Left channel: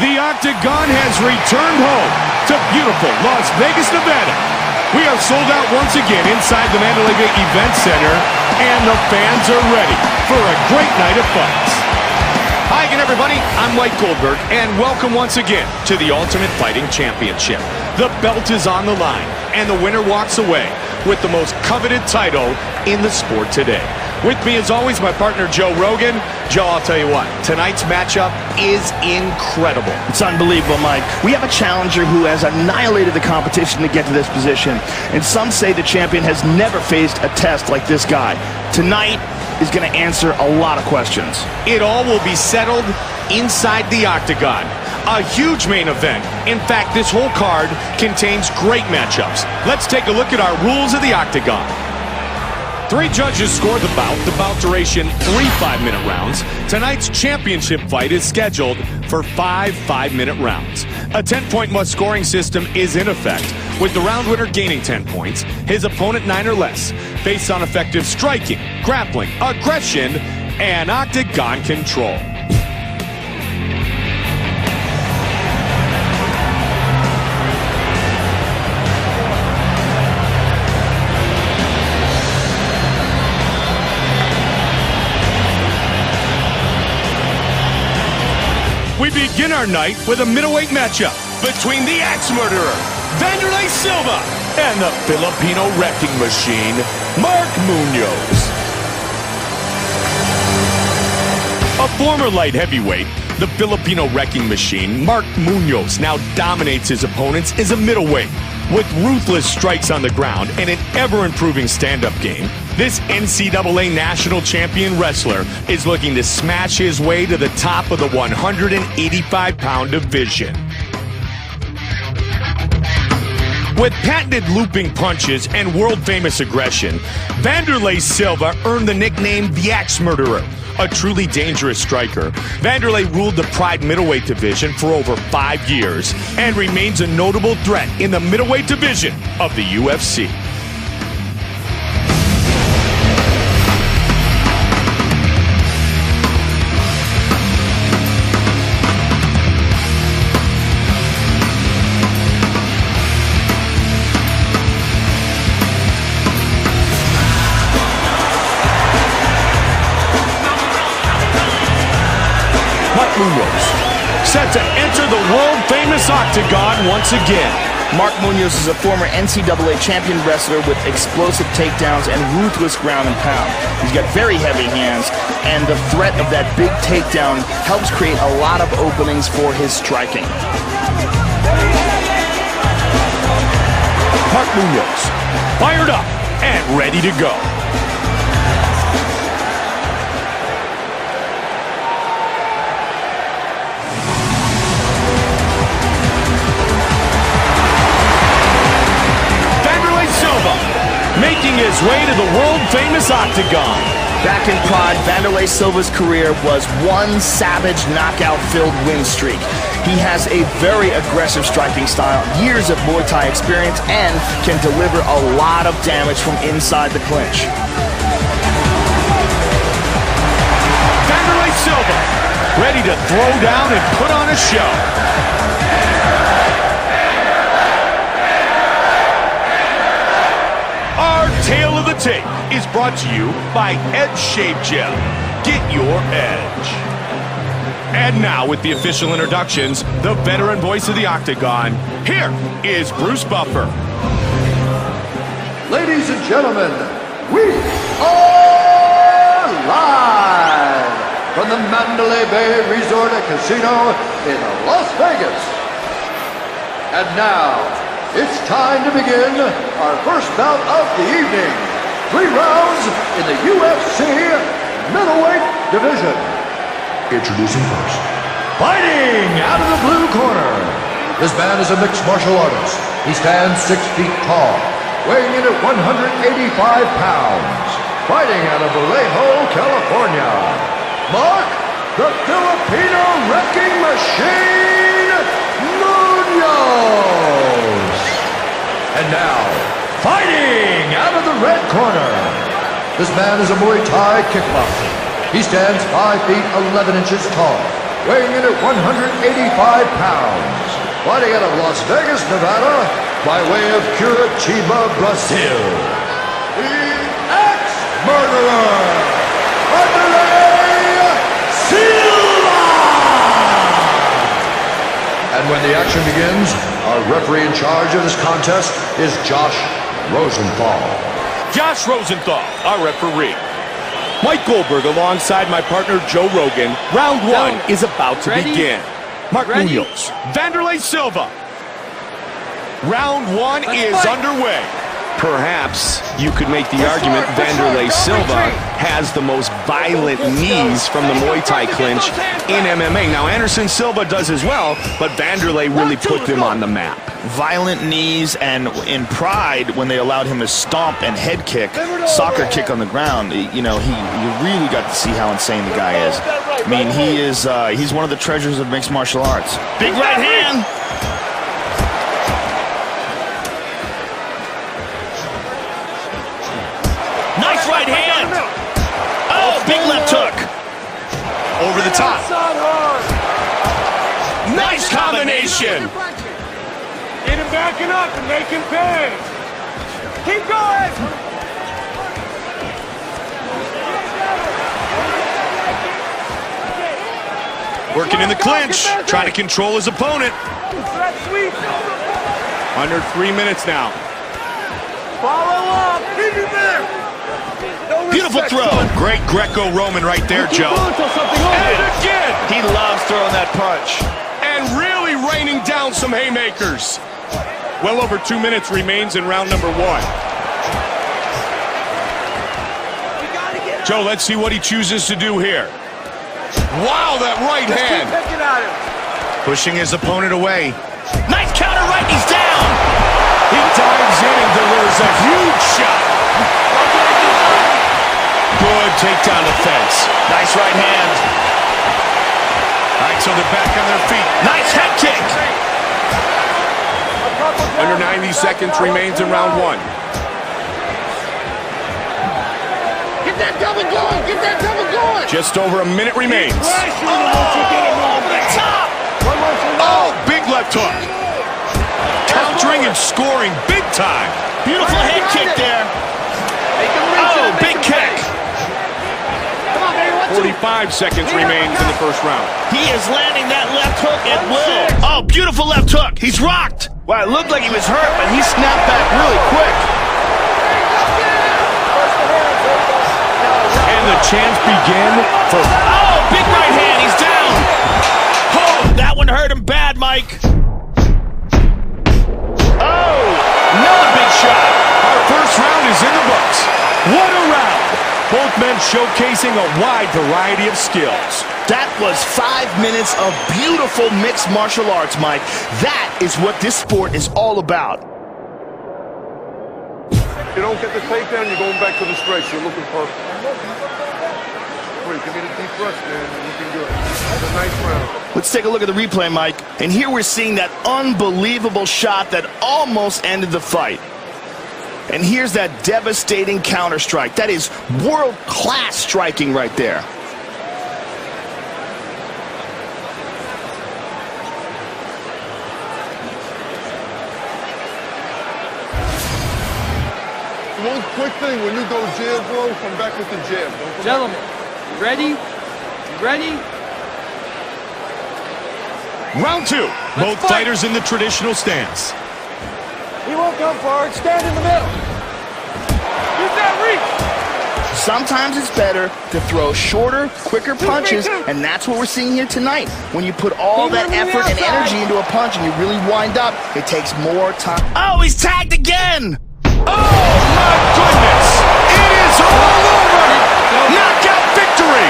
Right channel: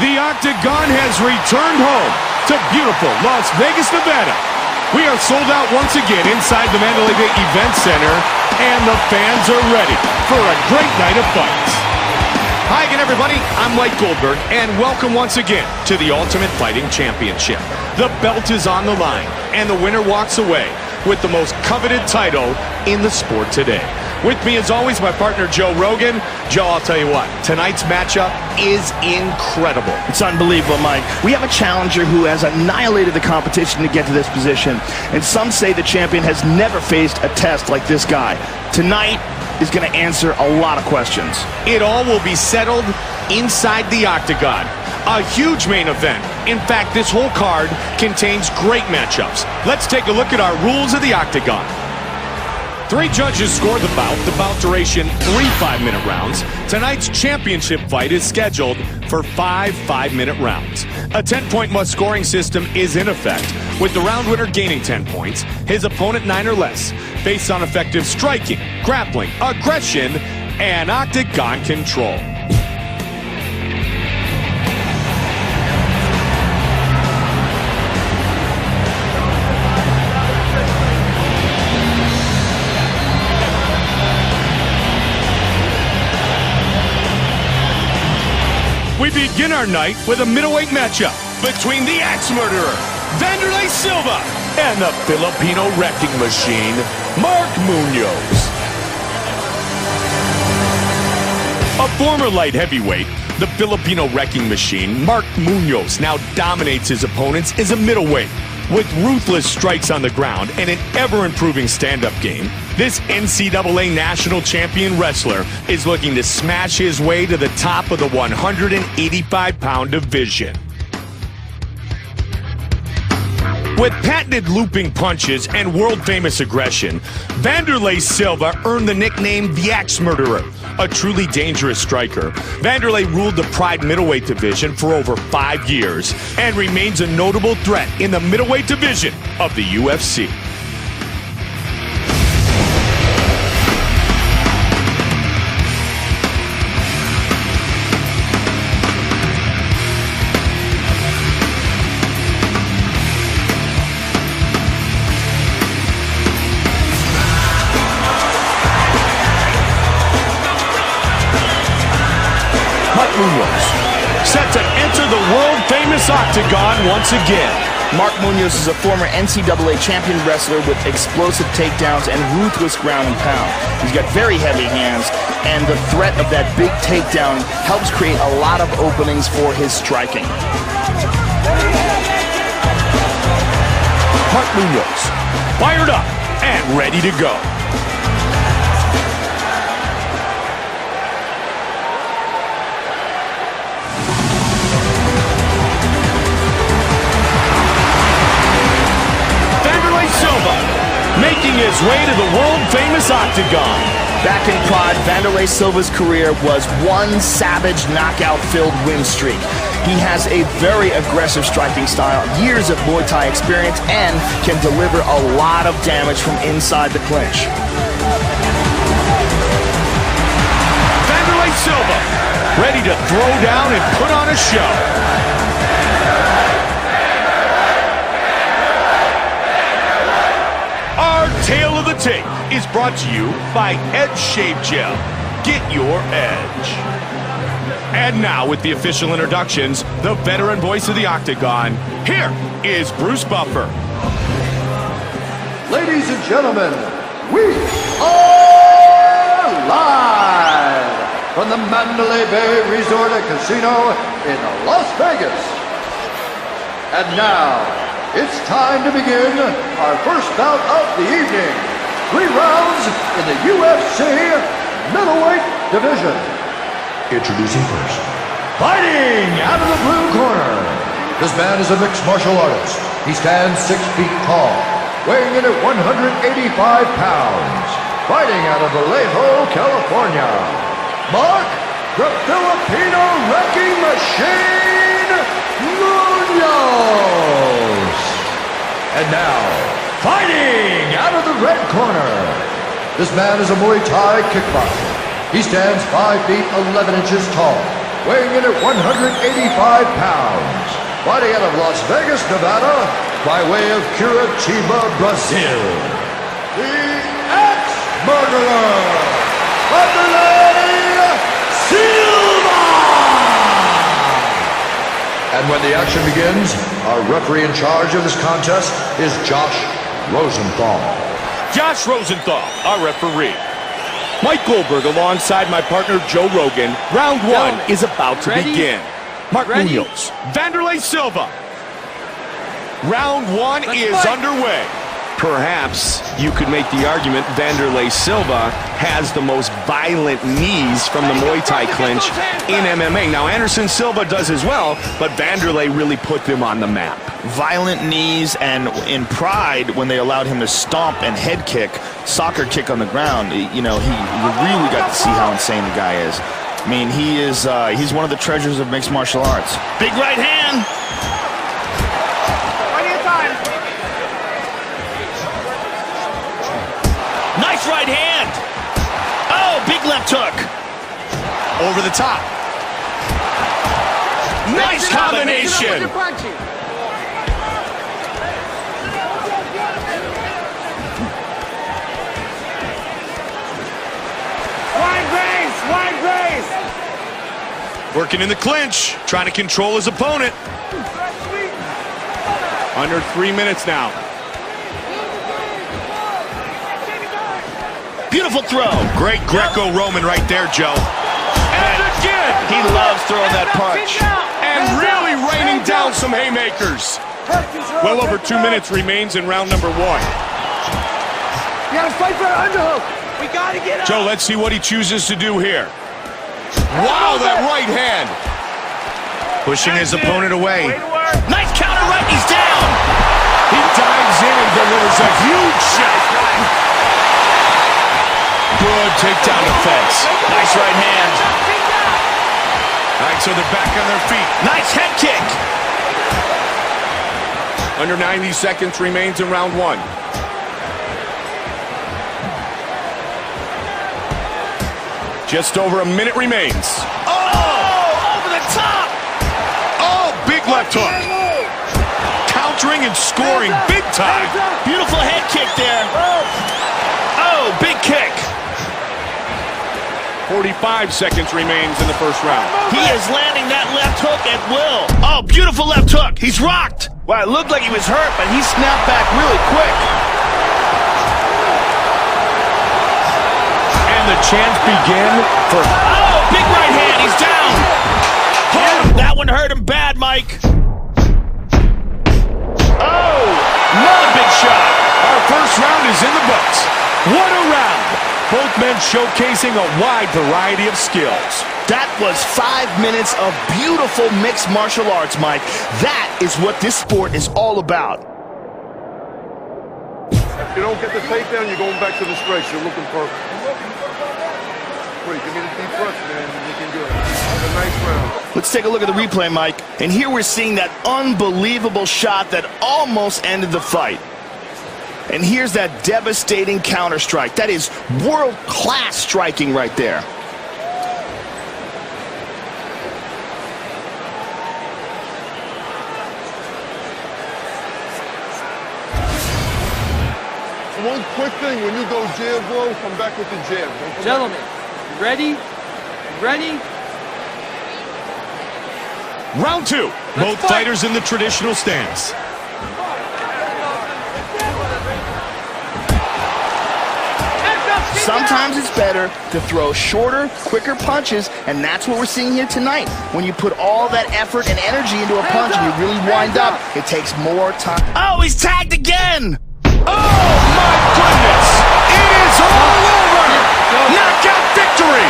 The Octagon has returned home to beautiful Las Vegas, Nevada. We are sold out once again inside the Wanderlei Event Center, and the fans are ready for a great night of fights. Hi again, everybody. I'm Mike Goldberg, and welcome once again to the Ultimate Fighting Championship. The belt is on the line, and the winner walks away with the most coveted title in the sport today. With me, as always, my partner, Joe Rogan. Joe, I'll tell you what, tonight's matchup is incredible. It's unbelievable, Mike. We have a challenger who has annihilated the competition to get to this position, and some say the champion has never faced a test like this guy. Tonight is going to answer a lot of questions. It all will be settled inside the Octagon. A huge main event. In fact, this whole card contains great matchups. Let's take a look at our rules of the Octagon. 3 judges score the bout duration 3 5-minute rounds. Tonight's championship fight is scheduled for 5 5-minute rounds. A 10-point must scoring system is in effect, with the round winner gaining 10 points, his opponent 9 or less, based on effective striking, grappling, aggression, and Octagon control. We begin our night with a middleweight matchup between the axe murderer, Wanderlei Silva, and the Filipino wrecking machine, Mark Munoz. A former light heavyweight, the Filipino wrecking machine, Mark Munoz, now dominates his opponents as a middleweight. With ruthless strikes on the ground and an ever-improving stand-up game, this NCAA national champion wrestler is looking to smash his way to the top of the 185-pound division. With patented looping punches and world-famous aggression, Wanderlei Silva earned the nickname the Axe Murderer. A truly dangerous striker, Wanderlei ruled the Pride middleweight division for over 5 years and remains a notable threat in the middleweight division of the UFC. Mark Munoz, set to enter the world-famous Octagon once again. Mark Munoz is a former NCAA champion wrestler with explosive takedowns and ruthless ground and pound. He's got very heavy hands, and the threat of that big takedown helps create a lot of openings for his striking. Mark Munoz, fired up and ready to go. Silva, making his way to the world-famous Octagon. Back in Pride, Wanderlei Silva's career was one savage knockout-filled win streak. He has a very aggressive striking style, years of Muay Thai experience, and can deliver a lot of damage from inside the clinch. Wanderlei Silva, ready to throw down and put on a show. Our Tale of the Tape is brought to you by Edge Shave Gel. Get your edge. And now, with the official introductions, the veteran voice of the Octagon, here is Bruce Buffer. Ladies and gentlemen, we are live from the Mandalay Bay Resort and Casino in Las Vegas. And now, it's time to begin our first bout of the evening. 3 rounds in the UFC middleweight division. Introducing first, fighting out of the blue corner. This man is a mixed martial artist. He stands 6 feet tall, weighing in at 185 pounds. Fighting out of Vallejo, California, Mark, the Filipino wrecking machine, Munoz. And now, fighting out of the red corner. This man is a Muay Thai kickboxer. He stands 5 feet 11 inches tall, weighing in at 185 pounds, fighting out of Las Vegas, Nevada, by way of Curitiba, Brazil, the ex-murderer, Wanderlei Silva! And when the action begins, our referee in charge of this contest is Josh Rosenthal. Josh Rosenthal, our referee. Mike Goldberg alongside my partner Joe Rogan. Round one is about to begin. Mark Munoz, Wanderlei Silva. Round one is underway. Perhaps you could make the argument Wanderlei Silva has the most violent knees from the Muay Thai clinch in MMA. Now, Anderson Silva does as well, but Wanderlei really put them on the map. Violent knees, and in pride when they allowed him to stomp and head kick, soccer kick on the ground. You know, you really got to see how insane the guy is. I mean, he's one of the treasures of mixed martial arts. Big right hand. Nice right hand. Oh, big left hook. Over the top. Nice combination. Get him backing up and make him pay. Keep going. Wide raise. Working in the clinch, trying to control his opponent. Under 3 minutes now. Beautiful throw. Great Greco-Roman right there, Joe. And again! He loves throwing that punch. And really raining down some haymakers. Well over 2 minutes remains in round number one. Joe, let's see what he chooses to do here. Wow, that right hand. Pushing his opponent away. Nice counter right, he's down. He dives in and delivers a huge shot. Good takedown defense. Nice right hand. All right, so they're back on their feet. Nice head kick. Under 90 seconds remains in round one. Get that double going. Get that double going. Just over a minute remains. Oh, over the top. Oh, big left hook. Countering and scoring big time. Beautiful head kick there. Oh, big kick. 45 seconds remains in the first round. He is landing that left hook at will. Oh, beautiful left hook. He's rocked. Well, it looked like he was hurt, but he snapped back really quick. And the chance begin for... Oh, big right hand. He's down. Oh, that one hurt him bad, Mike. Oh, another big shot. Our first round is in the books. What a round. Both men showcasing a wide variety of skills. That was 5 minutes of beautiful mixed martial arts, Mike. That is what this sport is all about. If you don't get the takedown, you're going back to the stretch. You're looking perfect. Great, give me the deep breath, man. You're looking good. It's a nice round. Let's take a look at the replay, Mike. And here we're seeing that unbelievable shot that almost ended the fight. And here's that devastating counter strike. That is world-class striking right there. One quick thing, when you go jab, bro, come back with the jab. Don't come Gentlemen, back. you ready? You ready? Round two. Both fight. fighters in the traditional stance. We won't go forward. Stand in the middle. Use that reach. Sometimes it's better to throw shorter, quicker punches, and that's what we're seeing here tonight. When you put all that effort and energy into a punch and you really wind up, it takes more time. Oh, he's tagged again! Oh, my goodness! It is all over! Knockout victory!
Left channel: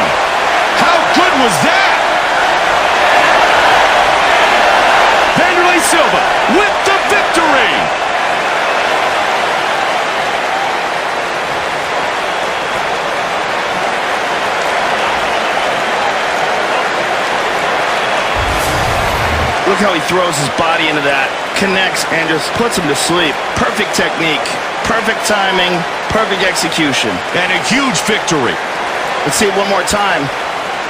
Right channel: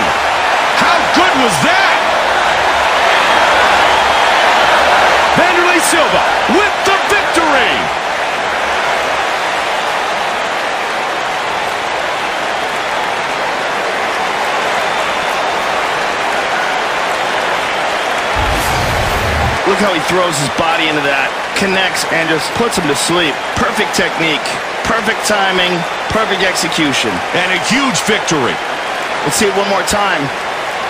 How good was that? Wanderlei Silva with the victory! Look how he throws his body into that, connects, and just puts him to sleep. Perfect technique, perfect timing, perfect execution. And a huge victory. Let's see it one more time.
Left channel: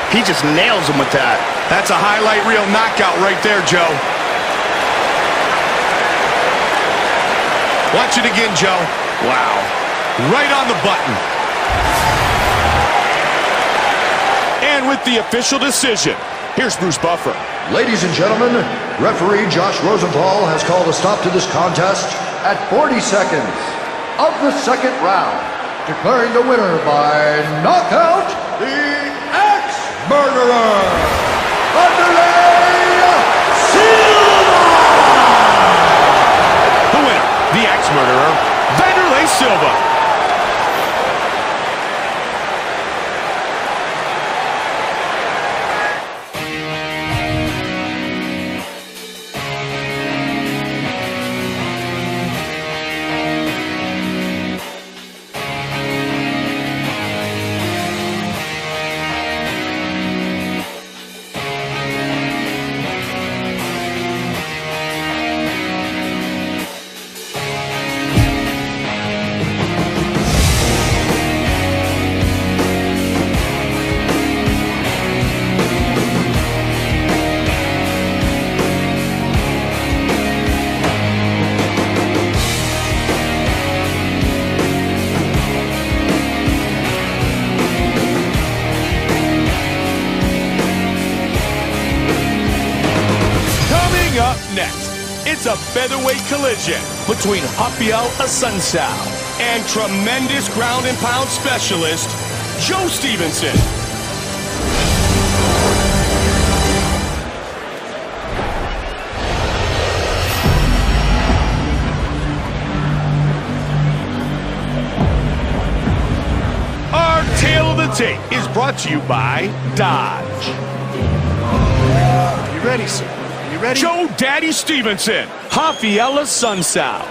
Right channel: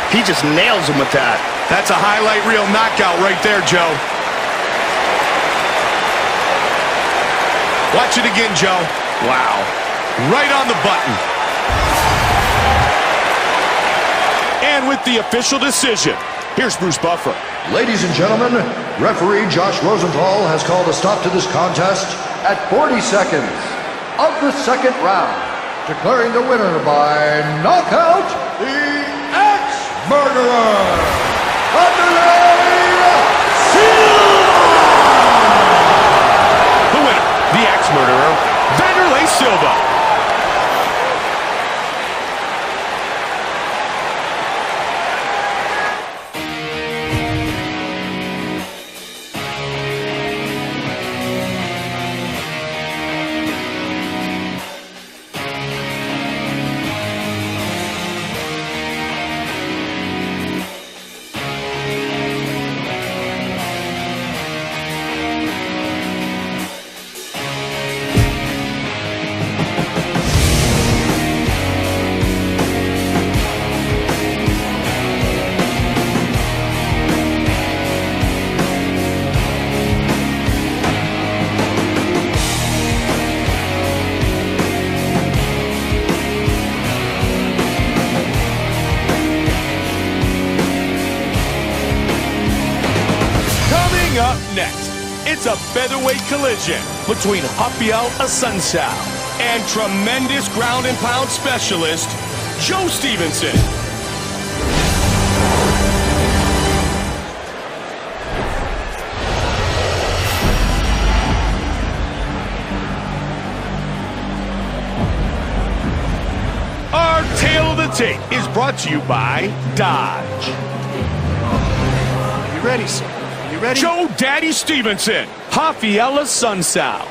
He just nails him with that. That's a highlight reel knockout right there, Joe. Watch it again, Joe. Wow. Right on the button. And with the official decision, here's Bruce Buffer. Ladies and gentlemen, referee Josh Rosenthal has called a stop to this contest at 40 seconds of the second round, declaring the winner by knockout, the ex-murderer, Wanderlei Silva! The winner, the ex-murderer, Wanderlei Silva. Up next, it's a featherweight collision between Raphael Assunção and tremendous ground and pound specialist, Joe Stevenson. Our tale of the tape is brought to you by Dodge. Are you ready, sir? Ready? Joe Daddy Stevenson, Raphael Assunção.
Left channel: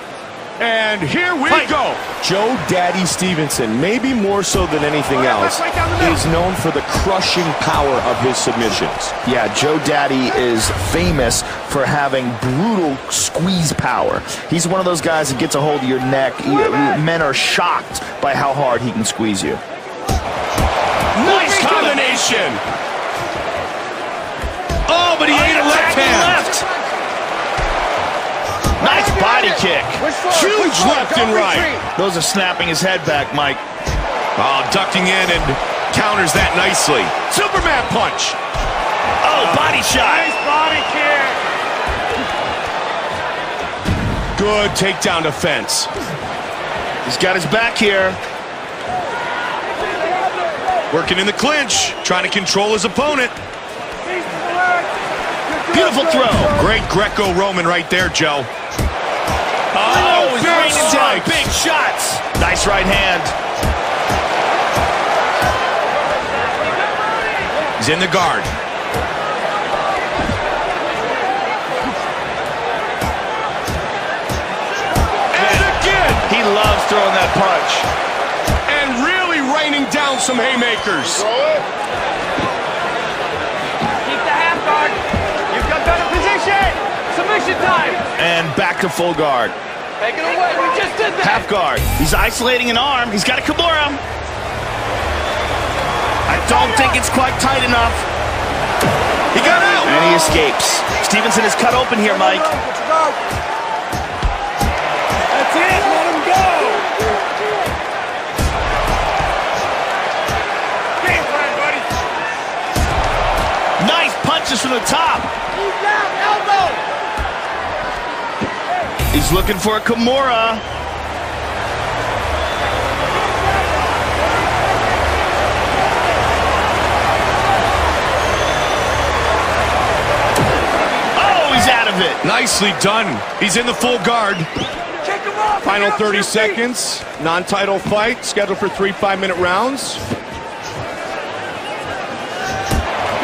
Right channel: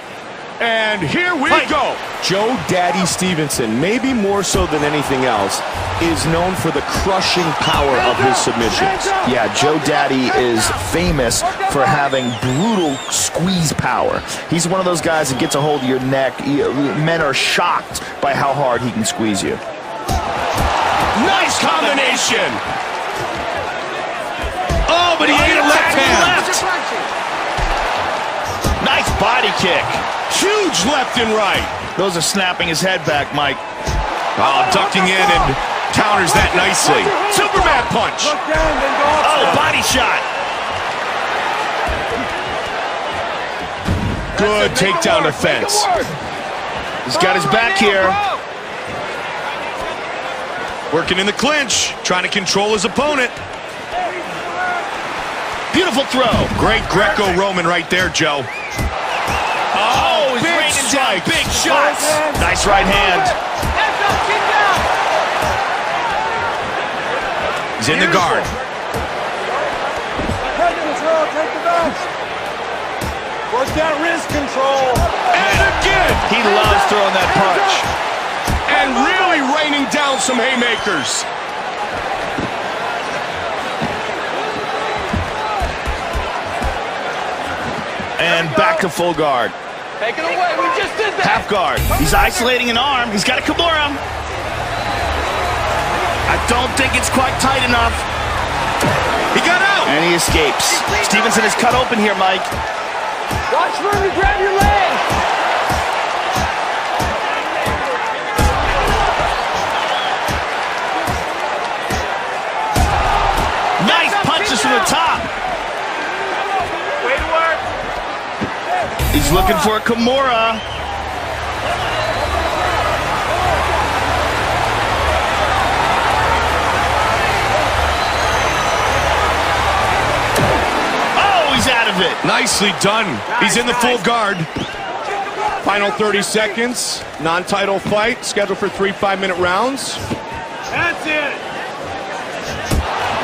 And here we go. Joe Daddy Stevenson, maybe more so than anything else, is known for the crushing power of his submissions. Yeah, Joe Daddy is famous for having brutal squeeze power. He's one of those guys that gets a hold of your neck. Men are shocked by how hard he can squeeze you. Nice combination. Oh, but he ate a left hand. Nice body kick. Huge left and right. Those are snapping his head back, Mike. Oh, ducking in and counters that nicely. Superman punch. Oh, body shot. Good takedown defense. He's got his back here. Working in the clinch, trying to control his opponent. Beautiful throw. Great Greco-Roman right there, Joe. Oh, he's raining down big shots. Nice right hand. He's in the guard. And again. He loves throwing that punch. And really raining down some haymakers. And back to full guard. Half guard. He's isolating an arm. He's got a Kimura. I don't think it's quite tight enough. He got out. And he escapes. Stevenson is cut open here, Mike. Watch where you grab your leg. That's it. Let him go. Nice punches from the top. He's looking for a Kimura. Oh, he's out of it. Nicely done. He's in the full guard. Final 30 seconds. Non-title fight. Scheduled for 3 5-minute rounds. That's it.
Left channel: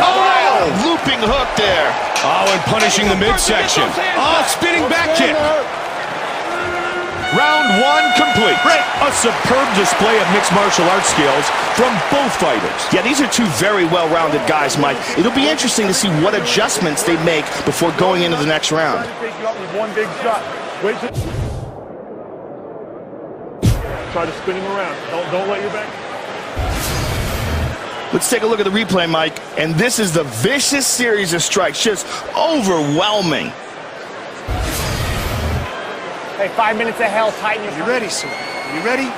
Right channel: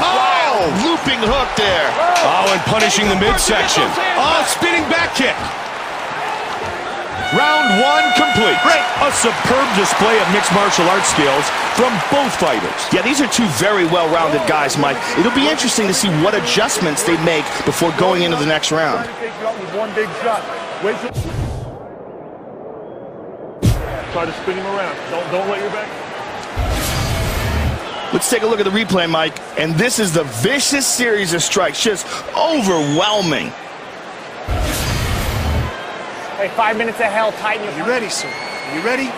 Oh! Looping hook there. Oh, and punishing the midsection. Oh, spinning back kick. Round 1 complete. Break. A superb display of mixed martial arts skills from both fighters. Yeah, these are two very well-rounded guys, Mike. It'll be interesting to see what adjustments they make before going into the next round. Take you out with one big shot. Wait till... Try to spin him around. Don't let your back... Let's take a look at the replay, Mike. And this is the vicious series of strikes, just overwhelming. Hey, 5 minutes of hell, tighten your... Are you ready, sir? Are you ready?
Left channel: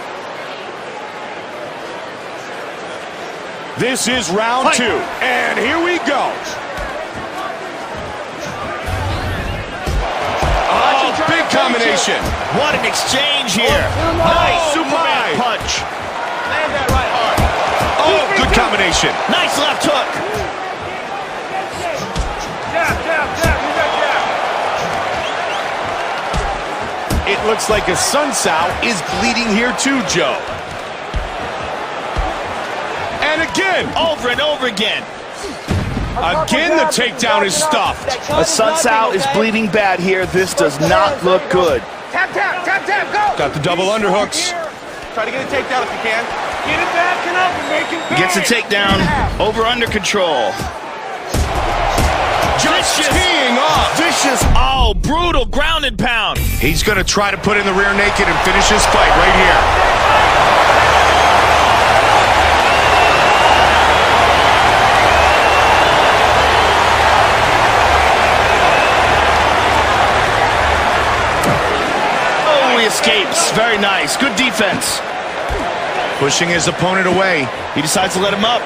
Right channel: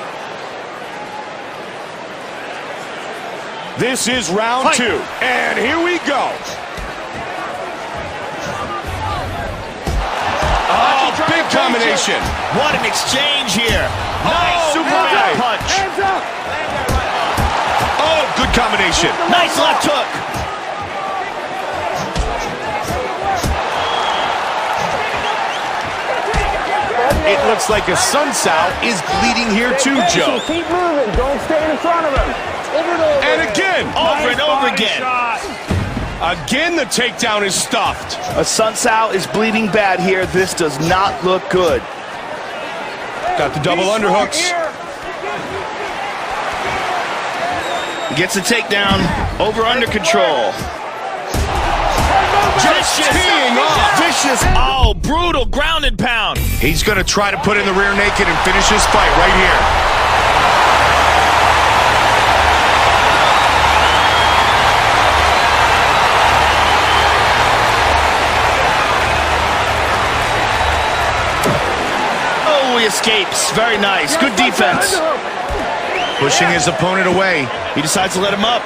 This is round 2, and here we go. Oh, big combination. What an exchange here. Nice Superman punch. Oh, good combination. Nice left hook. It looks like Assunção is bleeding here too, Joe. Keep moving. Don't stay in front of him. And again. Over and over again. Again, the takedown is stuffed. Assunção is bleeding bad here. This does not look good. Tap, tap, tap, tap, go! Got the double underhooks. Try to get a takedown if you can. Get it back and up. Make it He gets a takedown. Over under control. Just teeing off. Vicious. Oh, brutal ground and pound. He's going to try to put in the rear naked and finish his fight right here. Oh, he escapes. Very nice. Good defense. Pushing his opponent away. He decides to let him up.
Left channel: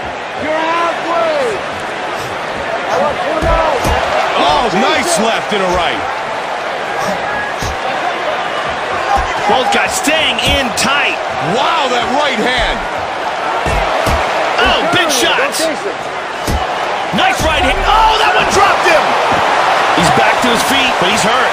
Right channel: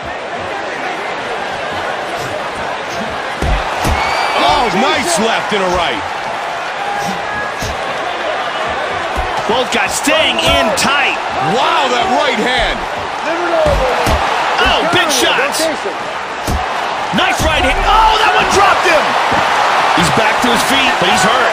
Oh, nice left and a right. Both guys staying in tight. Wow, that right hand. Oh, big shots. Nice right hand. Oh, that one dropped him. He's back to his feet, but he's hurt.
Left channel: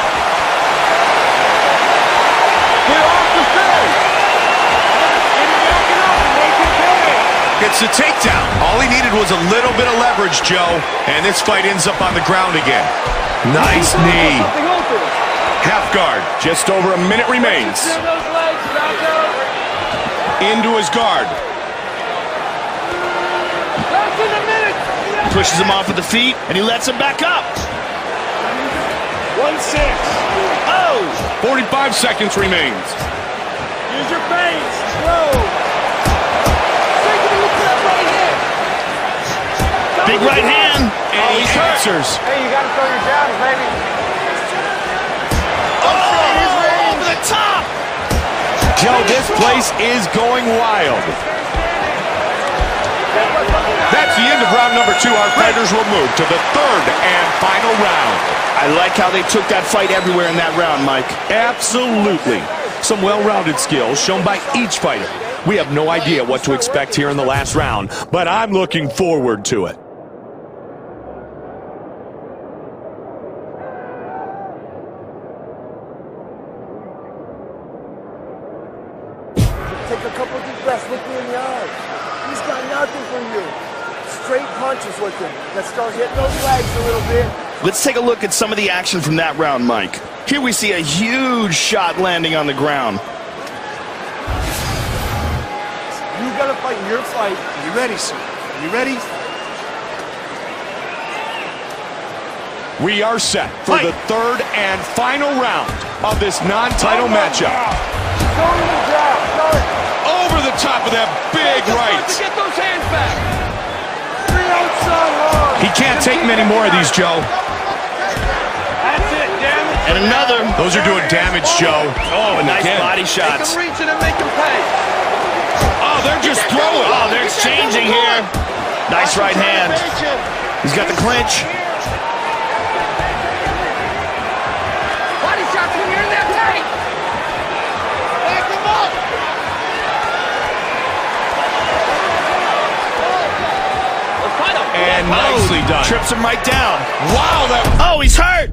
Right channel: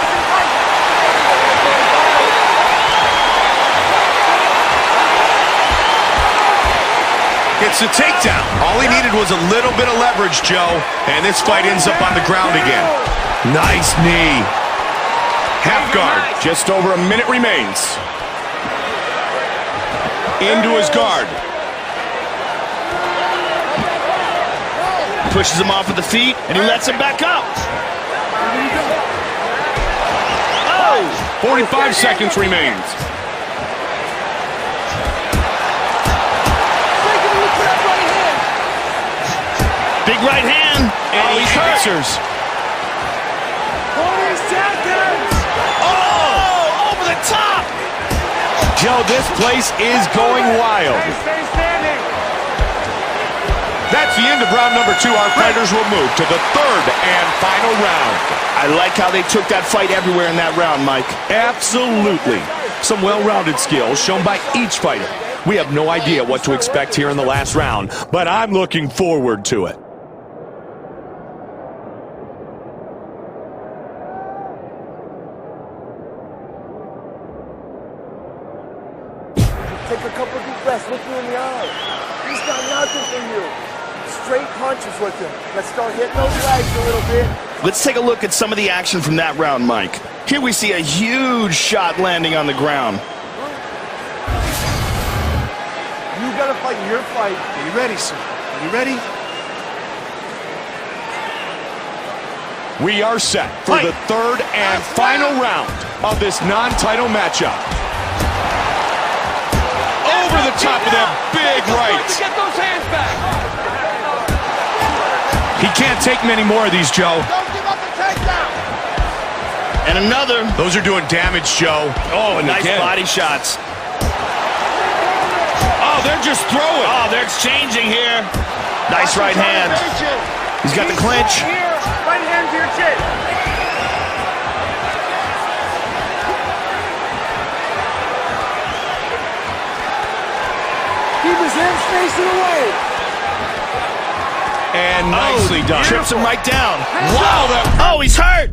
Gets the takedown. All he needed was a little bit of leverage, Joe. And this fight ends up on the ground again. Nice knee. Half guard. Just over a minute remains. Into his guard. Pushes him off with the feet, and he lets him back up. Oh! 45 seconds remains. Big right hand. And he answers. Hey, you gotta throw your jab, baby. Oh! Over the top! Joe, this place is going wild. That's the end of round number 2. Our fighters will move to the third and final round. I like how they took that fight everywhere in that round, Mike. Absolutely. Some well-rounded skills shown by each fighter. We have no idea what to expect here in the last round, but I'm looking forward to it. Take a couple deep breaths. Look me in the eye. He's got nothing for you. Straight punches with him. Let's start hitting those legs a little bit. Let's take a look at some of the action from that round, Mike. Here we see a huge shot landing on the ground. You gotta fight your fight. Are you ready, sir? Are you ready? We are set for the third and final round of this non-title matchup. Over the top of that big right. He can't take many more of these, Joe. And another. Those are doing damage, Joe. Oh, and Nice again. body shots. Oh, they're just throwing. Oh, they're exchanging here. Nice right hand. He's got the clinch. Right hand to your chin. Body shots when you're in there tight. Back him up. Keep his hands facing away. And nicely done. Trips him right down. Wow, that... Oh, he's hurt.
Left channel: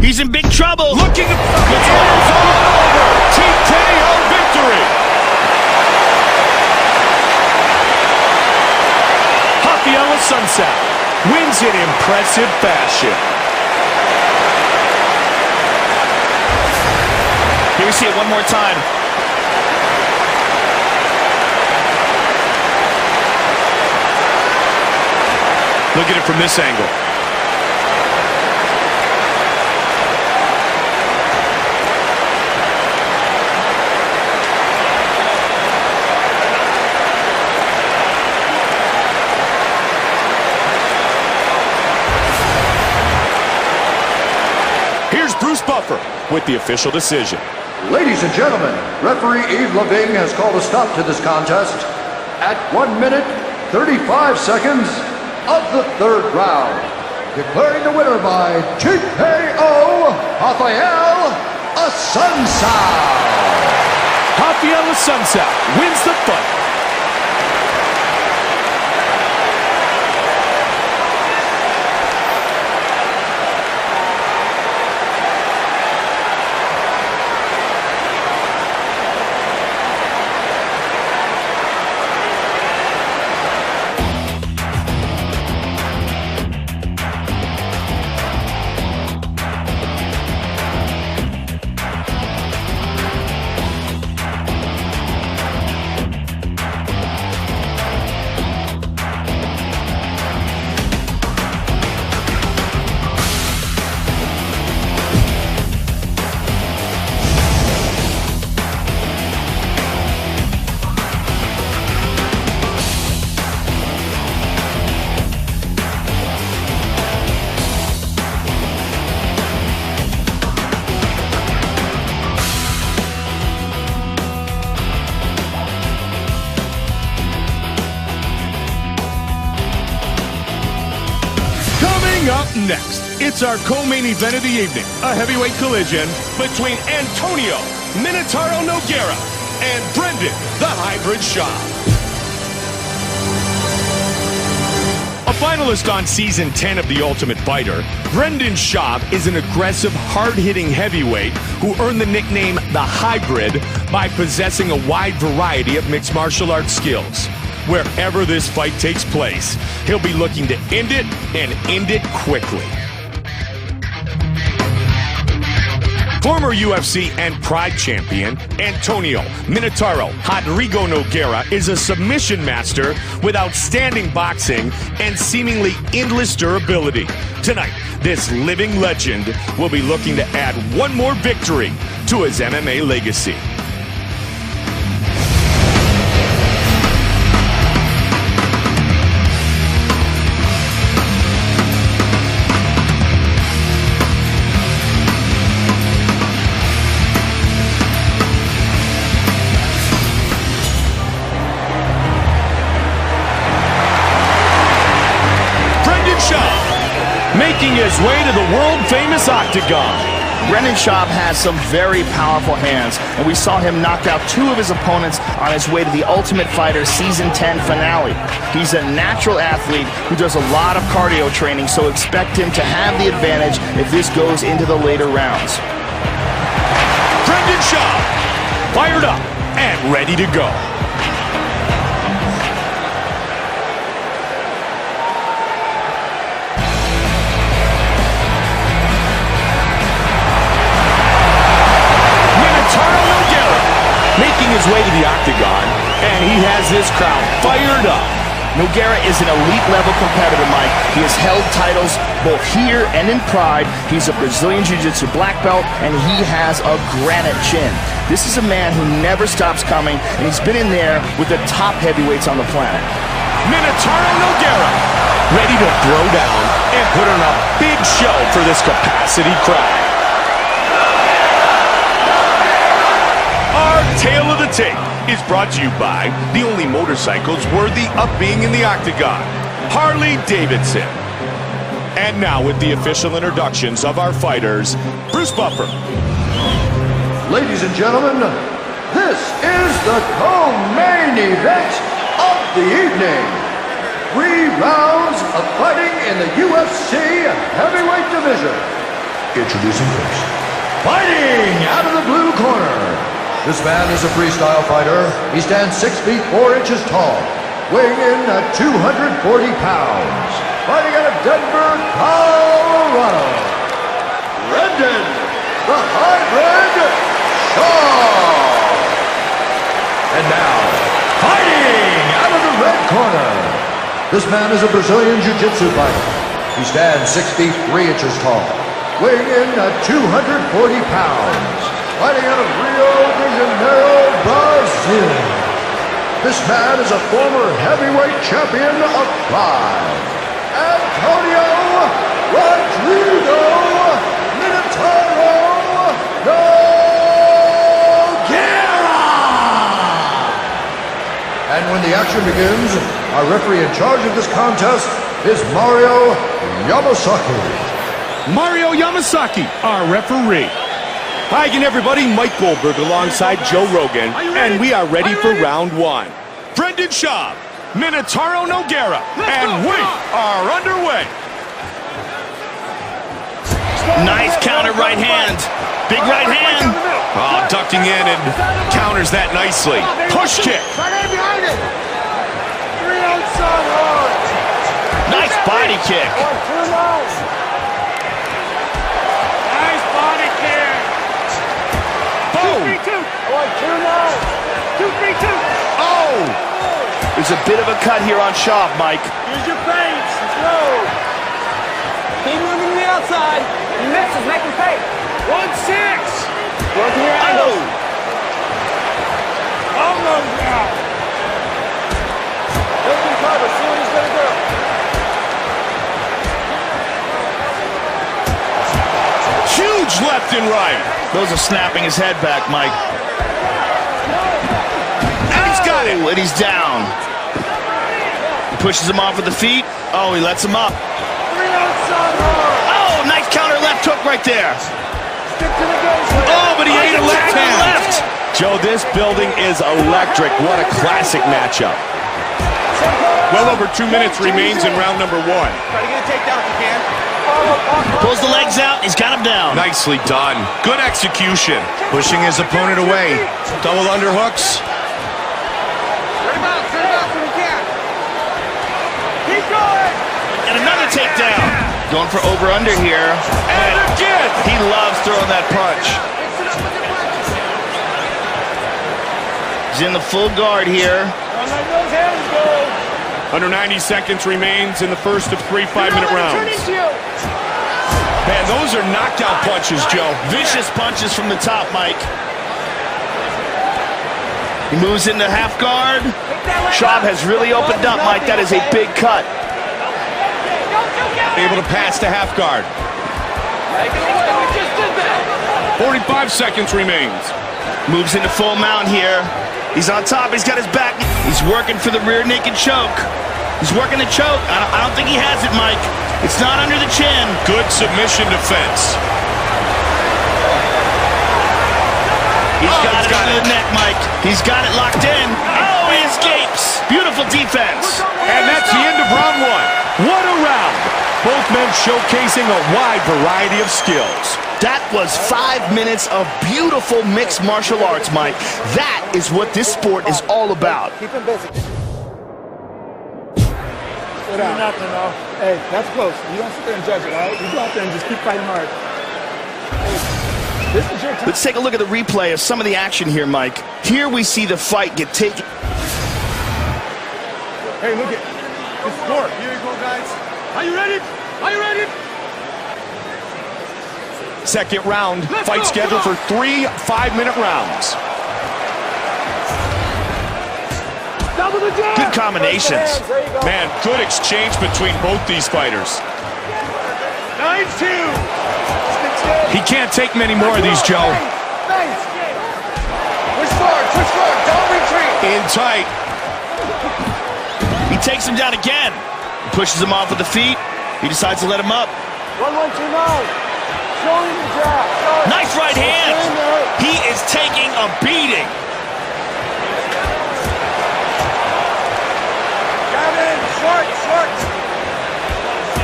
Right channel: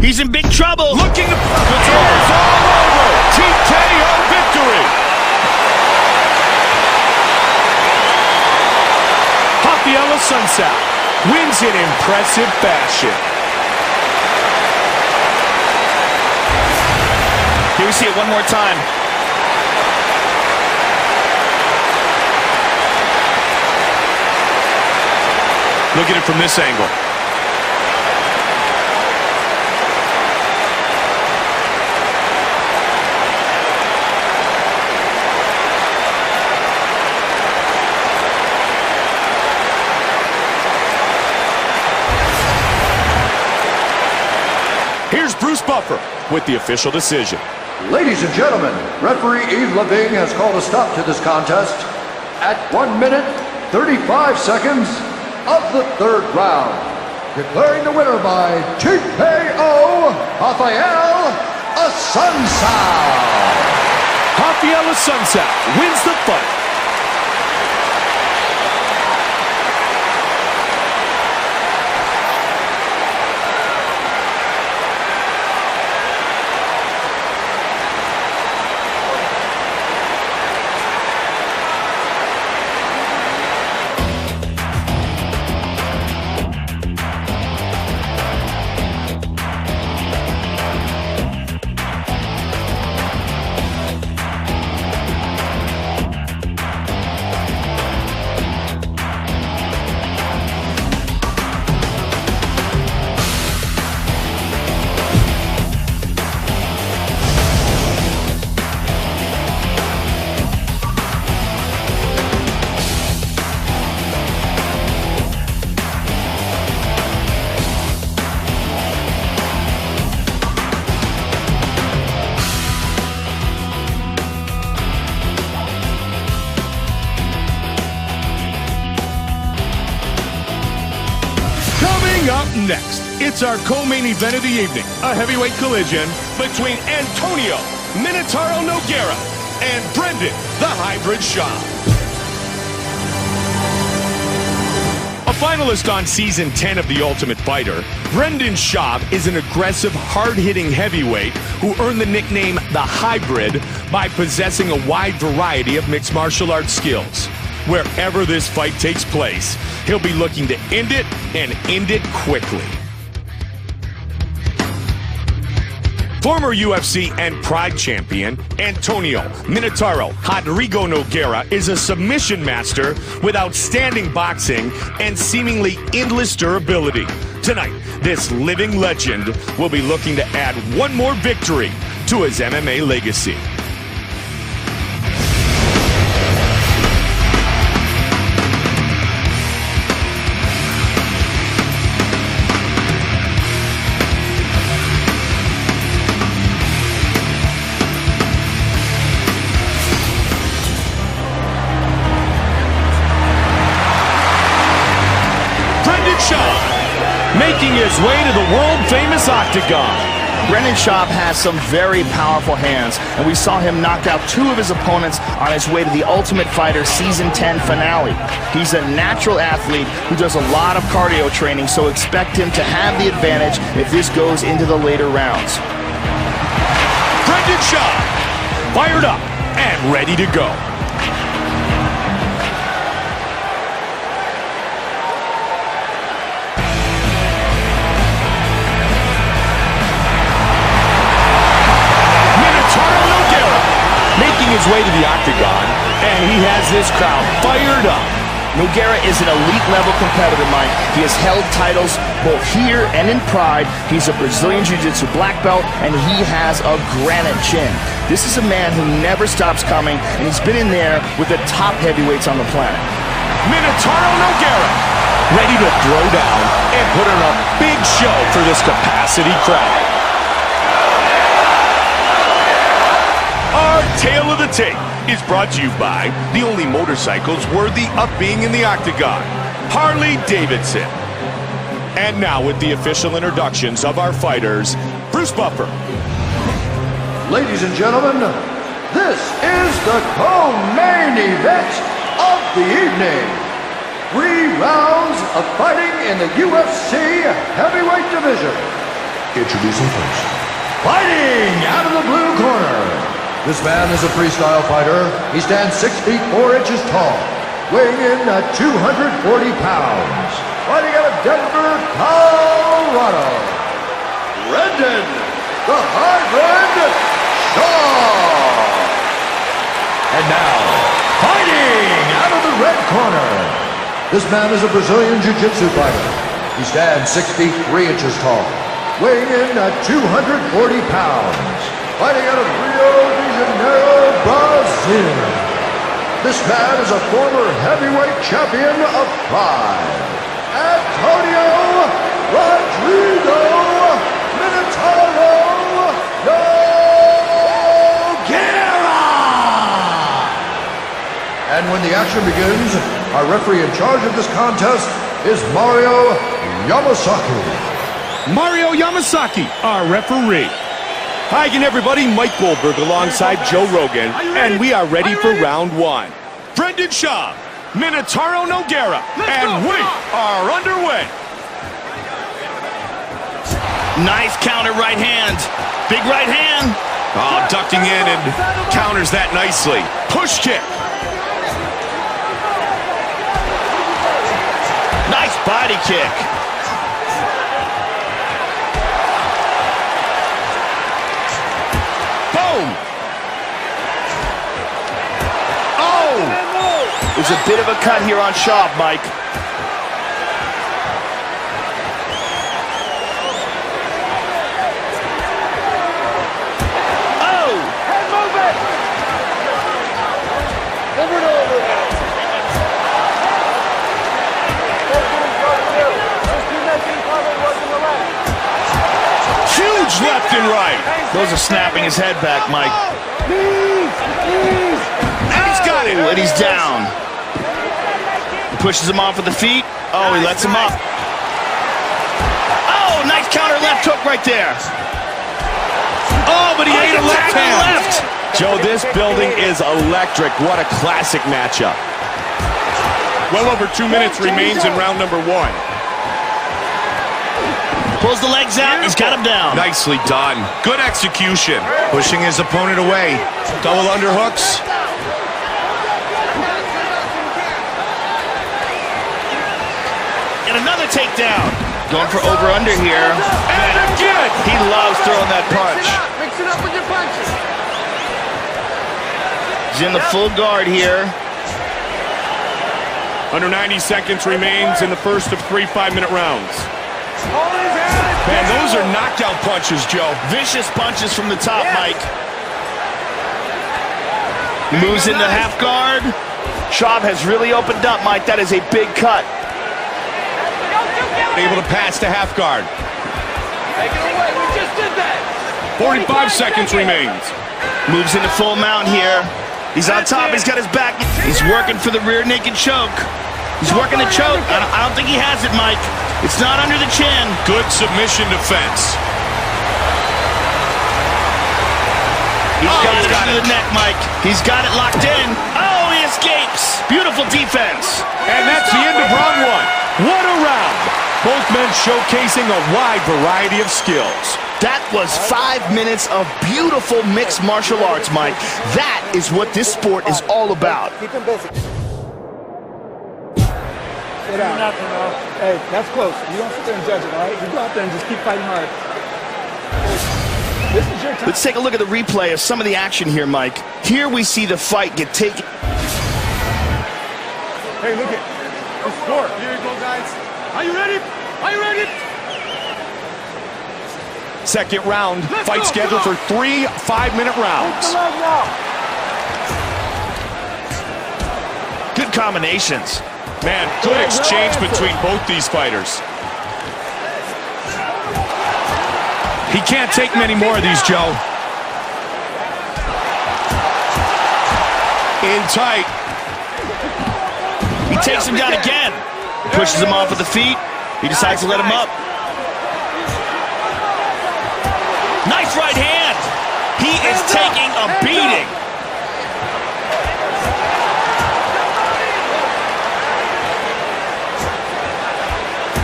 He's in big trouble. Looking to... It's all over. TKO victory. Raphael Assunção wins in impressive fashion. Here we see it one more time. Look at it from this angle. here's Bruce Buffer with the official decision. Ladies and gentlemen, referee Yves Leving has called a stop to this contest at 1 minute, 35 seconds of the third round. Declaring the winner by TKO, Raphael Assunção. Raphael Assunção wins the fight. Up next, it's our co-main event of the evening, a heavyweight collision between Antonio Minotauro Nogueira and Brendan the Hybrid Schaub. A finalist on Season 10 of The Ultimate Fighter, Brendan Schaub is an aggressive, hard-hitting heavyweight who earned the nickname The Hybrid by possessing a wide variety of mixed martial arts skills. Wherever this fight takes place, he'll be looking to end it and end it quickly. Former UFC and Pride champion Antonio Minotauro Rodrigo Nogueira is a submission master with outstanding boxing and seemingly endless durability. Tonight, this living legend will be looking to add one more victory to his MMA legacy. Schaub, making his way to the world-famous octagon. Brendan Schaub has some very powerful hands, and we saw him knock out two of his opponents on his way to the Ultimate Fighter Season 10 finale. He's a natural athlete who does a lot of cardio training, so expect him to have the advantage if this goes into the later rounds. Brendan Schaub, fired up and ready to go. Making his way to the octagon, and he has this crowd fired up. Nogueira is an elite-level competitor, Mike. He has held titles both here and in Pride. He's a Brazilian Jiu-Jitsu black belt, and he has a granite chin. This is a man who never stops coming, and he's been in there with the top heavyweights on the planet. Minotauro Nogueira, ready to throw down and put on a big show for this capacity crowd. Our tale of the tape is brought to you by the only motorcycles worthy of being in the octagon, Harley-Davidson. And now with the official introductions of our fighters, Bruce Buffer. Ladies and gentlemen, this is the co-main event of the evening. 3 rounds of fighting in the UFC heavyweight division. Introducing first. Fighting out of the blue corner. This man is a freestyle fighter. He stands 6 feet 4 inches tall, weighing in at 240 pounds. Fighting out of Denver, Colorado, Brendan the Hybrid Schaub. And now, fighting out of the red corner. This man is a Brazilian Jiu-Jitsu fighter. He stands 6 feet 3 inches tall, weighing in at 240 pounds. Fighting out of Rio de Janeiro, Brazil. This man is a former heavyweight champion of Pride, Antonio Rodrigo Minotauro Nogueira. And when the action begins, our referee in charge of this contest is Mario Yamasaki. Mario Yamasaki, our referee. Hi again, everybody. Mike Goldberg alongside Joe Rogan, and we are ready for round one. Brendan Schaub, Minotauro Nogueira, and we are underway. Nice counter right hand. Big right hand. Oh, ducking in and counters that nicely. Push kick. Nice body kick. Boom. Oh. There's a bit of a cut here on Schaub, Mike. Huge left and right. Those are snapping his head back, Mike. And he's got it. And he's down. He pushes him off with the feet. Oh, he lets him up. Oh, nice counter left hook right there. Oh, but he ate a left hand. Left. Joe, this building is electric. What a classic matchup. Well over 2 minutes remains in round number one. Pulls the legs out. He's got him down. Nicely done. Good execution. Pushing his opponent away. Double underhooks. And another takedown. Going for over-under here. And again. He loves throwing that punch. He's in the full guard here. Under 90 seconds remains in the first of 3 5-minute rounds. Man, those are knockout punches, Joe. Vicious punches from the top, Mike. He moves into half guard. Schaub has really opened up, Mike. That is a big cut. Able to pass to half guard. 45 seconds remains. Moves into full mount here. He's on top. He's got his back. He's working for the rear naked choke. He's working the choke. I don't think he has it, Mike. It's not under the chin. Good submission defense. He's got it under the neck, Mike. He's got it locked in. Oh, he escapes. Beautiful defense. And that's the end of round one. What a round. Both men showcasing a wide variety of skills. That was 5 minutes of beautiful mixed martial arts, Mike. That is what this sport is all about. Keep him busy. Sit down. Nothing, no. Hey, that's close. You don't sit there and judge it, all right? You go out there and just keep fighting hard. Hey, this is your time. Let's take a look at the replay of some of the action here, Mike. Here we see the fight get taken. Hey, look at the score. Here you go, guys. Are you ready? Are you ready? Second round, fight scheduled for 3 5-minute rounds. Good combinations. Man, good exchange between both these fighters. He can't take many more of these, Joe. In tight. He takes him down again. Pushes him off with the feet. He decides to let him up. Nice right hand. He is taking a beating.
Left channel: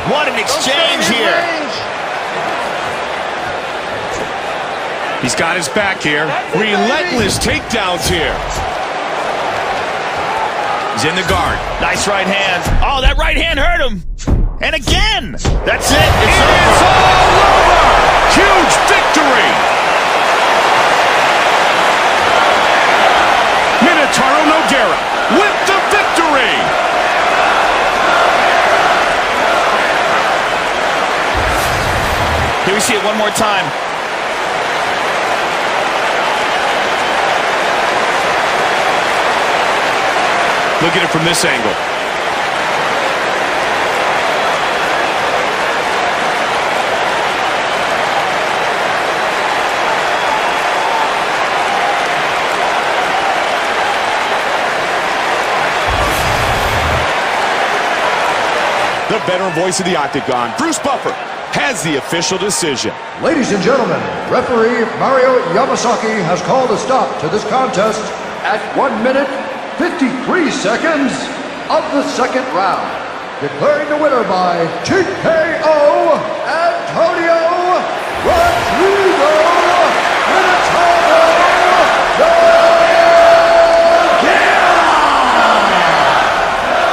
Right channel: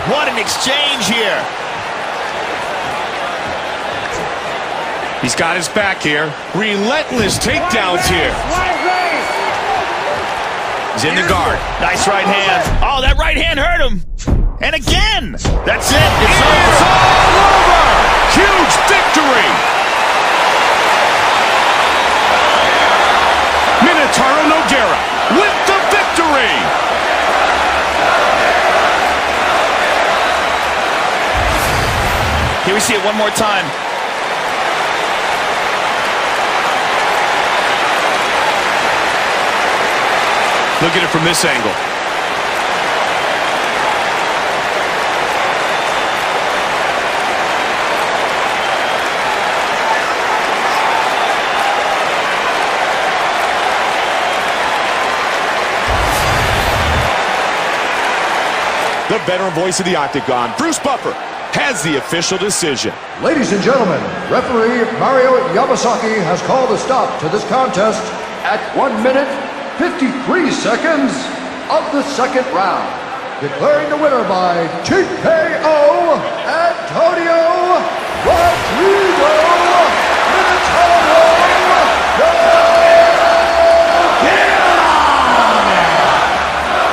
What an exchange here. He's got his back here. Relentless takedowns here. He's in the guard. Nice right hand. Oh, that right hand hurt him. And again. That's it. It's over. It's all over. Huge victory. Minotauro Nogueira with the victory. Here we see it one more time. Look at it from this angle. The veteran voice of the Octagon, Bruce Buffer, has the official decision. Ladies and gentlemen, referee Mario Yamasaki has called a stop to this contest at 1 minute, 53 seconds of the second round. Declaring the winner by TKO, Antonio Rodrigo Minotauro Nogueira!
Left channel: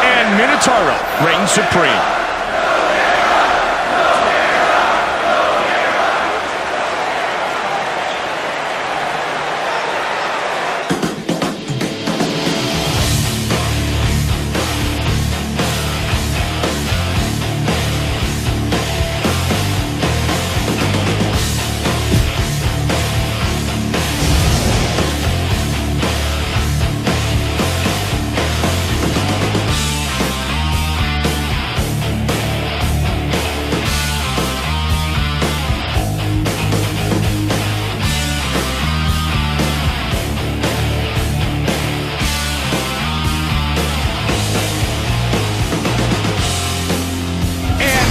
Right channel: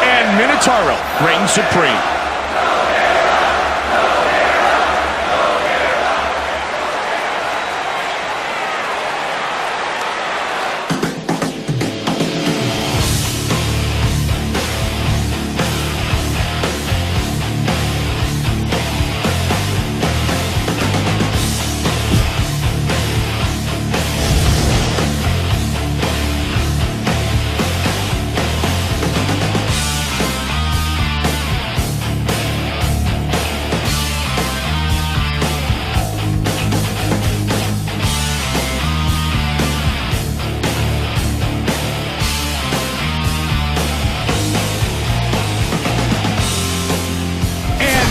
And Minotauro reigns supreme.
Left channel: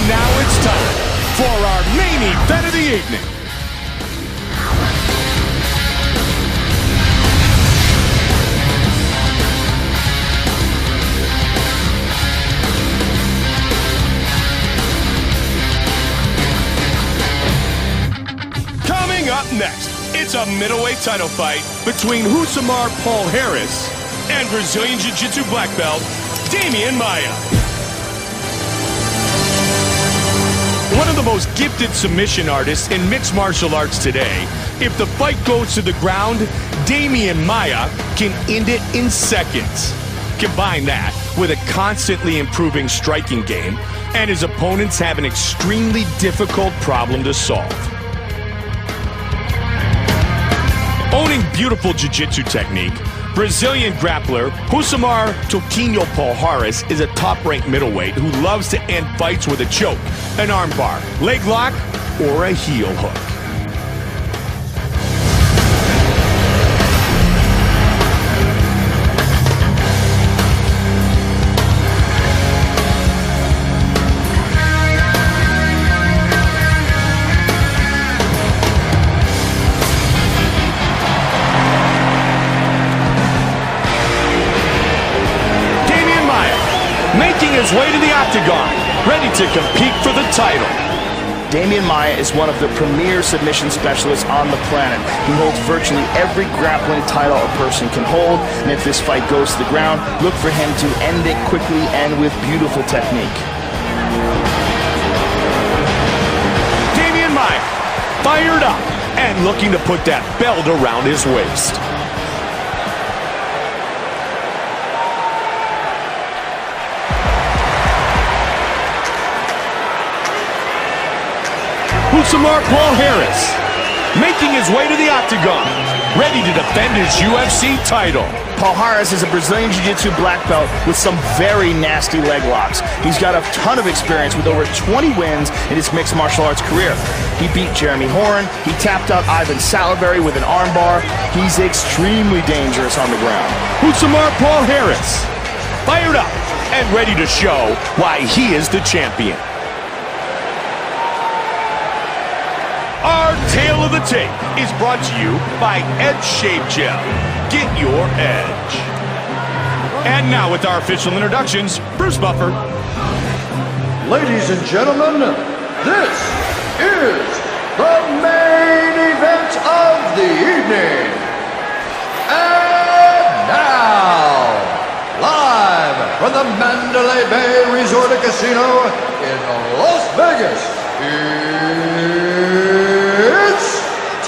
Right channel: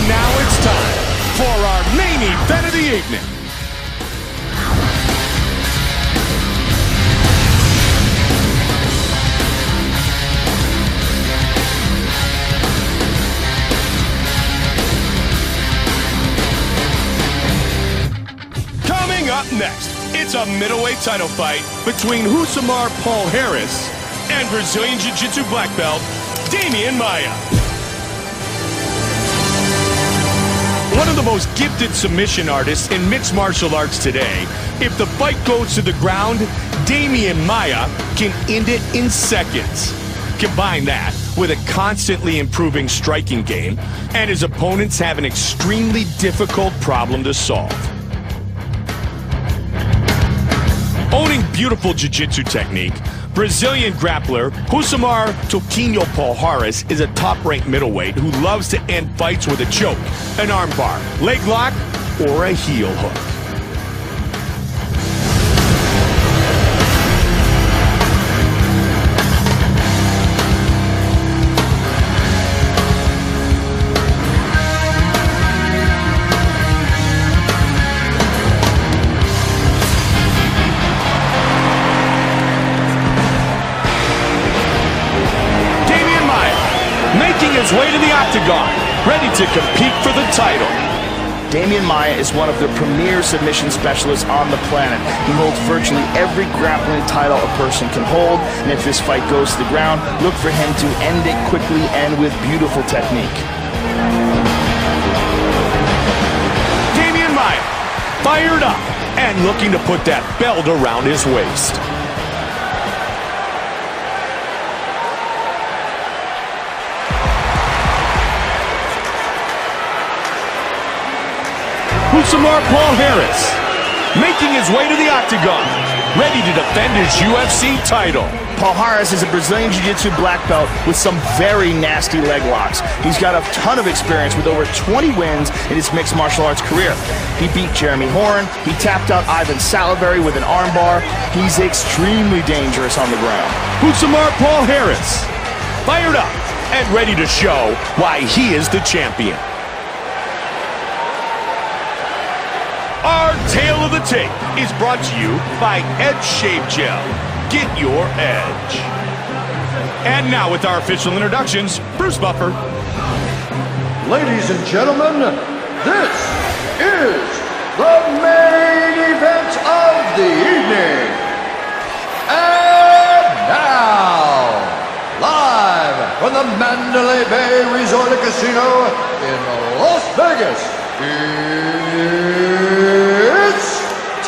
Now it's time for our main event of the evening. Coming up next, it's a middleweight title fight between Rosimar Palhares and Brazilian Jiu-Jitsu black belt Demian Maia. One of the most gifted submission artists in mixed martial arts today. If the fight goes to the ground, Demian Maia can end it in seconds. Combine that with a constantly improving striking game, and his opponents have an extremely difficult problem to solve. Owning beautiful jiu-jitsu technique, Brazilian grappler Rosimar Toquinho Palhares is a top-ranked middleweight who loves to end fights with a choke, an armbar, leg lock, or a heel hook. Making his way to the Octagon, ready to compete for the title. Demian Maia is one of the premier submission specialists on the planet. He holds virtually every grappling title a person can hold, and if this fight goes to the ground, look for him to end it quickly and with beautiful technique. Demian Maia, fired up and looking to put that belt around his waist. Rosimar Palhares, making his way to the Octagon, ready to defend his UFC title. Palhares is a Brazilian Jiu-Jitsu black belt with some very nasty leg locks. He's got a ton of experience with over 20 wins in his mixed martial arts career. He beat Jeremy Horn, he tapped out Ivan Salivary with an armbar. He's extremely dangerous on the ground. Rosimar Palhares, fired up and ready to show why he is the champion. Our Tale of the Tape is brought to you by Edge Shave Gel. Get your edge. And now with our official introductions, Bruce Buffer. Ladies and gentlemen, this is the main event of the evening. And now, live from the Mandalay Bay Resort and Casino in Las Vegas, it's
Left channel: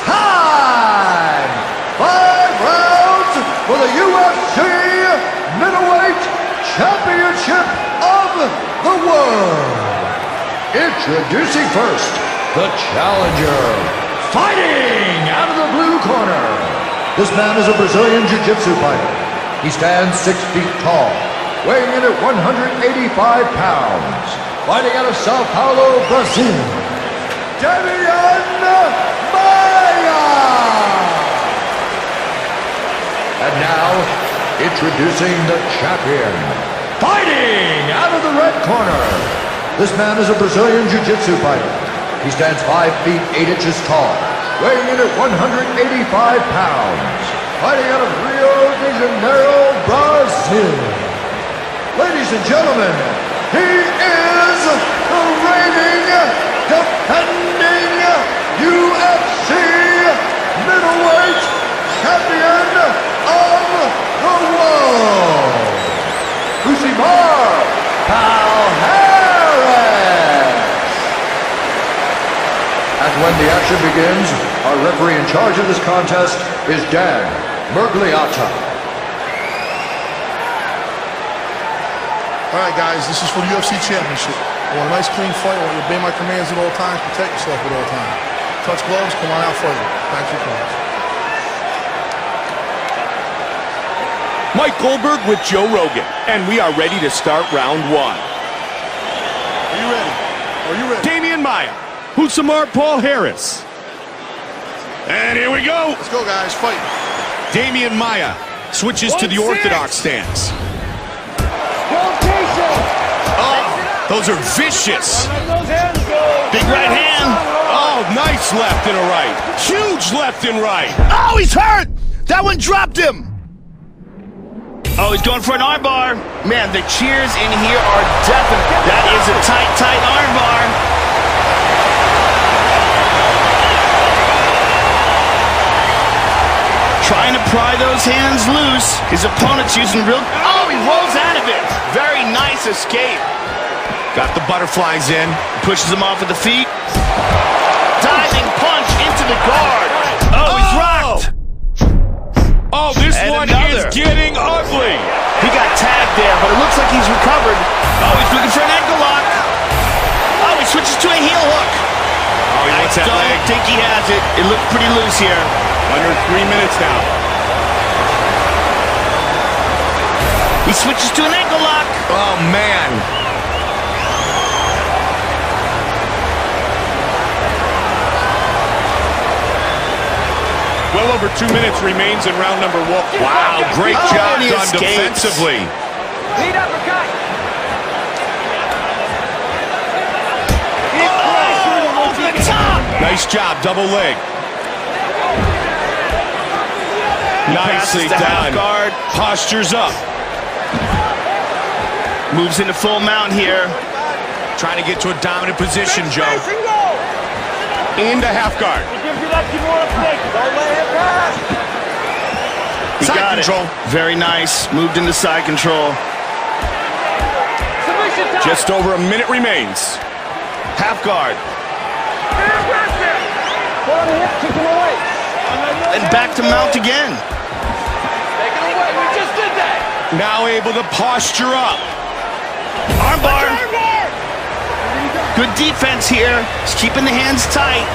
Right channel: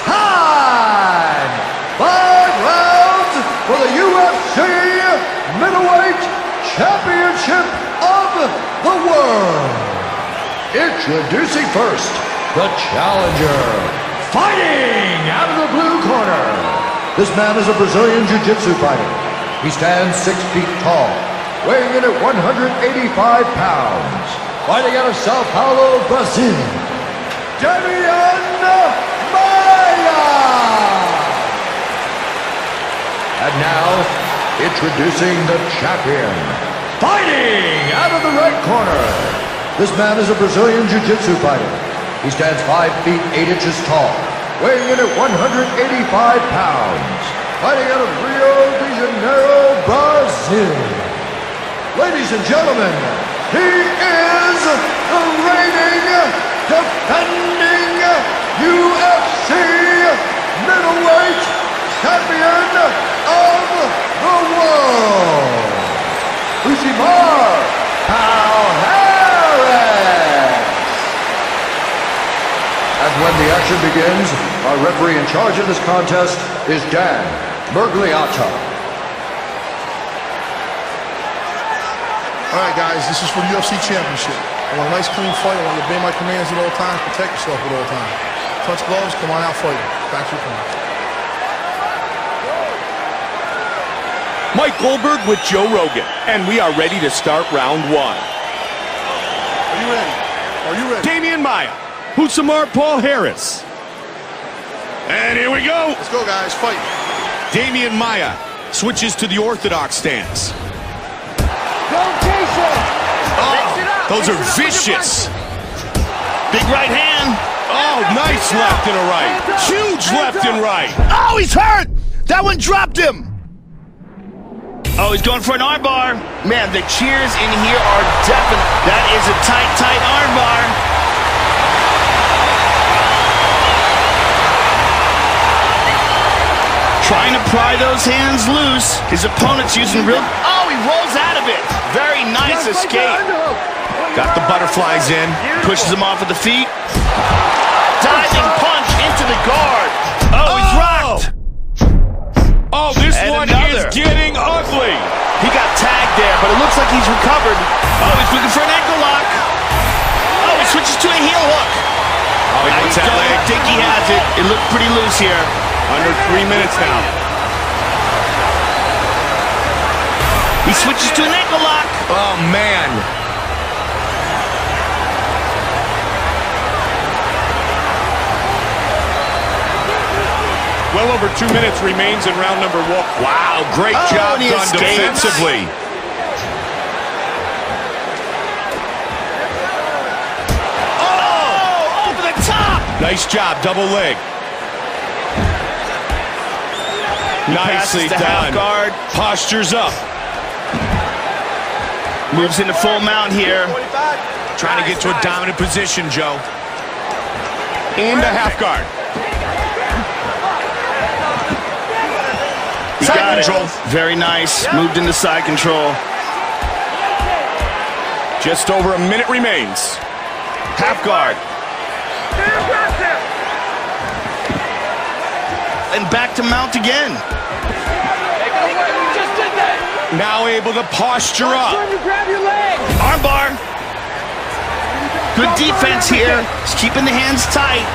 time! 5 rounds for the UFC Middleweight Championship of the World. Introducing first, the challenger, fighting out of the blue corner. This man is a Brazilian Jiu-Jitsu fighter. He stands 6 feet tall, weighing in at 185 pounds. Fighting out of Sao Paulo, Brazil, Demian Maia! And now, introducing the champion, fighting out of the red corner, This man is a Brazilian Jiu-Jitsu fighter. He stands 5 feet 8 inches tall, weighing in at 185 pounds, fighting out of Rio de Janeiro, Brazil. Ladies and gentlemen, he is the reigning, defending UFC middleweight champion of the world, Rosimar Palhares. And when the action begins, our referee in charge of this contest is Dan Mergliata. All right, guys, this is for the UFC Championship. I want a nice, clean fight. I want you to obey my commands at all times, protect yourself at all times. Touch gloves, come on out fighting. Back to your corner. Mike Goldberg with Joe Rogan, and we are ready to start round 1. Are you ready? Are you ready? Demian Maia, Rosimar Palhares. And here we go. Let's go, guys. Fight. Demian Maia switches to the orthodox stance. Oh, those are vicious. Big right hand. Oh, nice left and a right. Huge left and right. Oh, he's hurt. That one dropped him. Oh, he's going for an armbar. Man, the cheers in here are deafening. That is a tight, tight armbar. Trying to pry those hands loose. His opponent's using real... Oh, he rolls out of it. Very nice escape. Got the butterflies in. Pushes him off with the feet. Diving punch into the guard. Oh, he's rocked. Oh, this And one another. is getting ugly. He got tagged there, but it looks like he's recovered. Oh, he's looking for an ankle lock. Oh, he switches to a heel hook. Oh, he wants that leg. I don't think he has it. It looked pretty loose here. Under 3 minutes now. He switches to an ankle lock. Oh, man. Well over 2 minutes remains in round number 1. Wow, great job and he done escapes. defensively. Oh, over the top. Nice job, double leg. Nicely Passes to half done. guard. Postures up. Moves into full mount here. Trying to get to a dominant position, Joe. Into half guard. He Side got control. it. Very nice. Moved into side control. Just over a minute remains. Half guard. And back to mount again. Now able to posture up. Armbar. Good defense here. He's keeping the hands tight.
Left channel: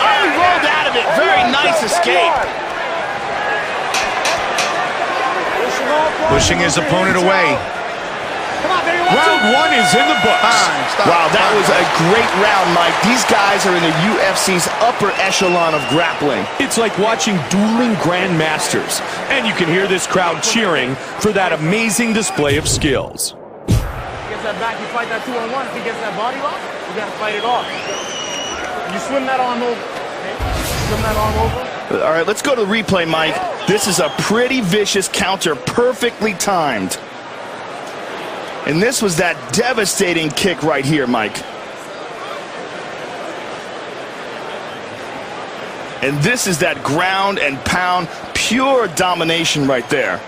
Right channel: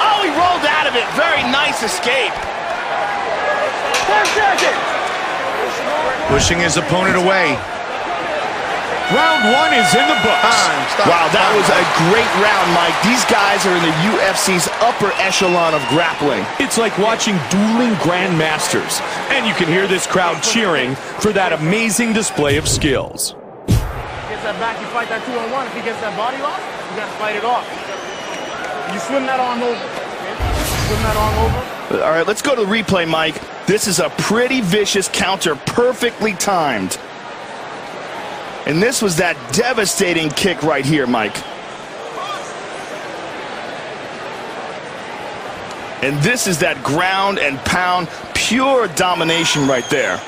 Oh, he rolled out of it. Very nice escape. Pushing his opponent away. Round 1 is in the books. Wow, that was a great round, Mike. These guys are in the UFC's upper echelon of grappling. It's like watching dueling grandmasters, and you can hear this crowd cheering for that amazing display of skills. He gets that back, you fight that 2-on-1. If he gets that body lock, you gotta fight it off. You swim that arm over. Okay? Swim that arm over. All right, let's go to the replay, Mike. This is a pretty vicious counter, perfectly timed. And this was that devastating kick right here, Mike. And this is that ground and pound, pure domination right there.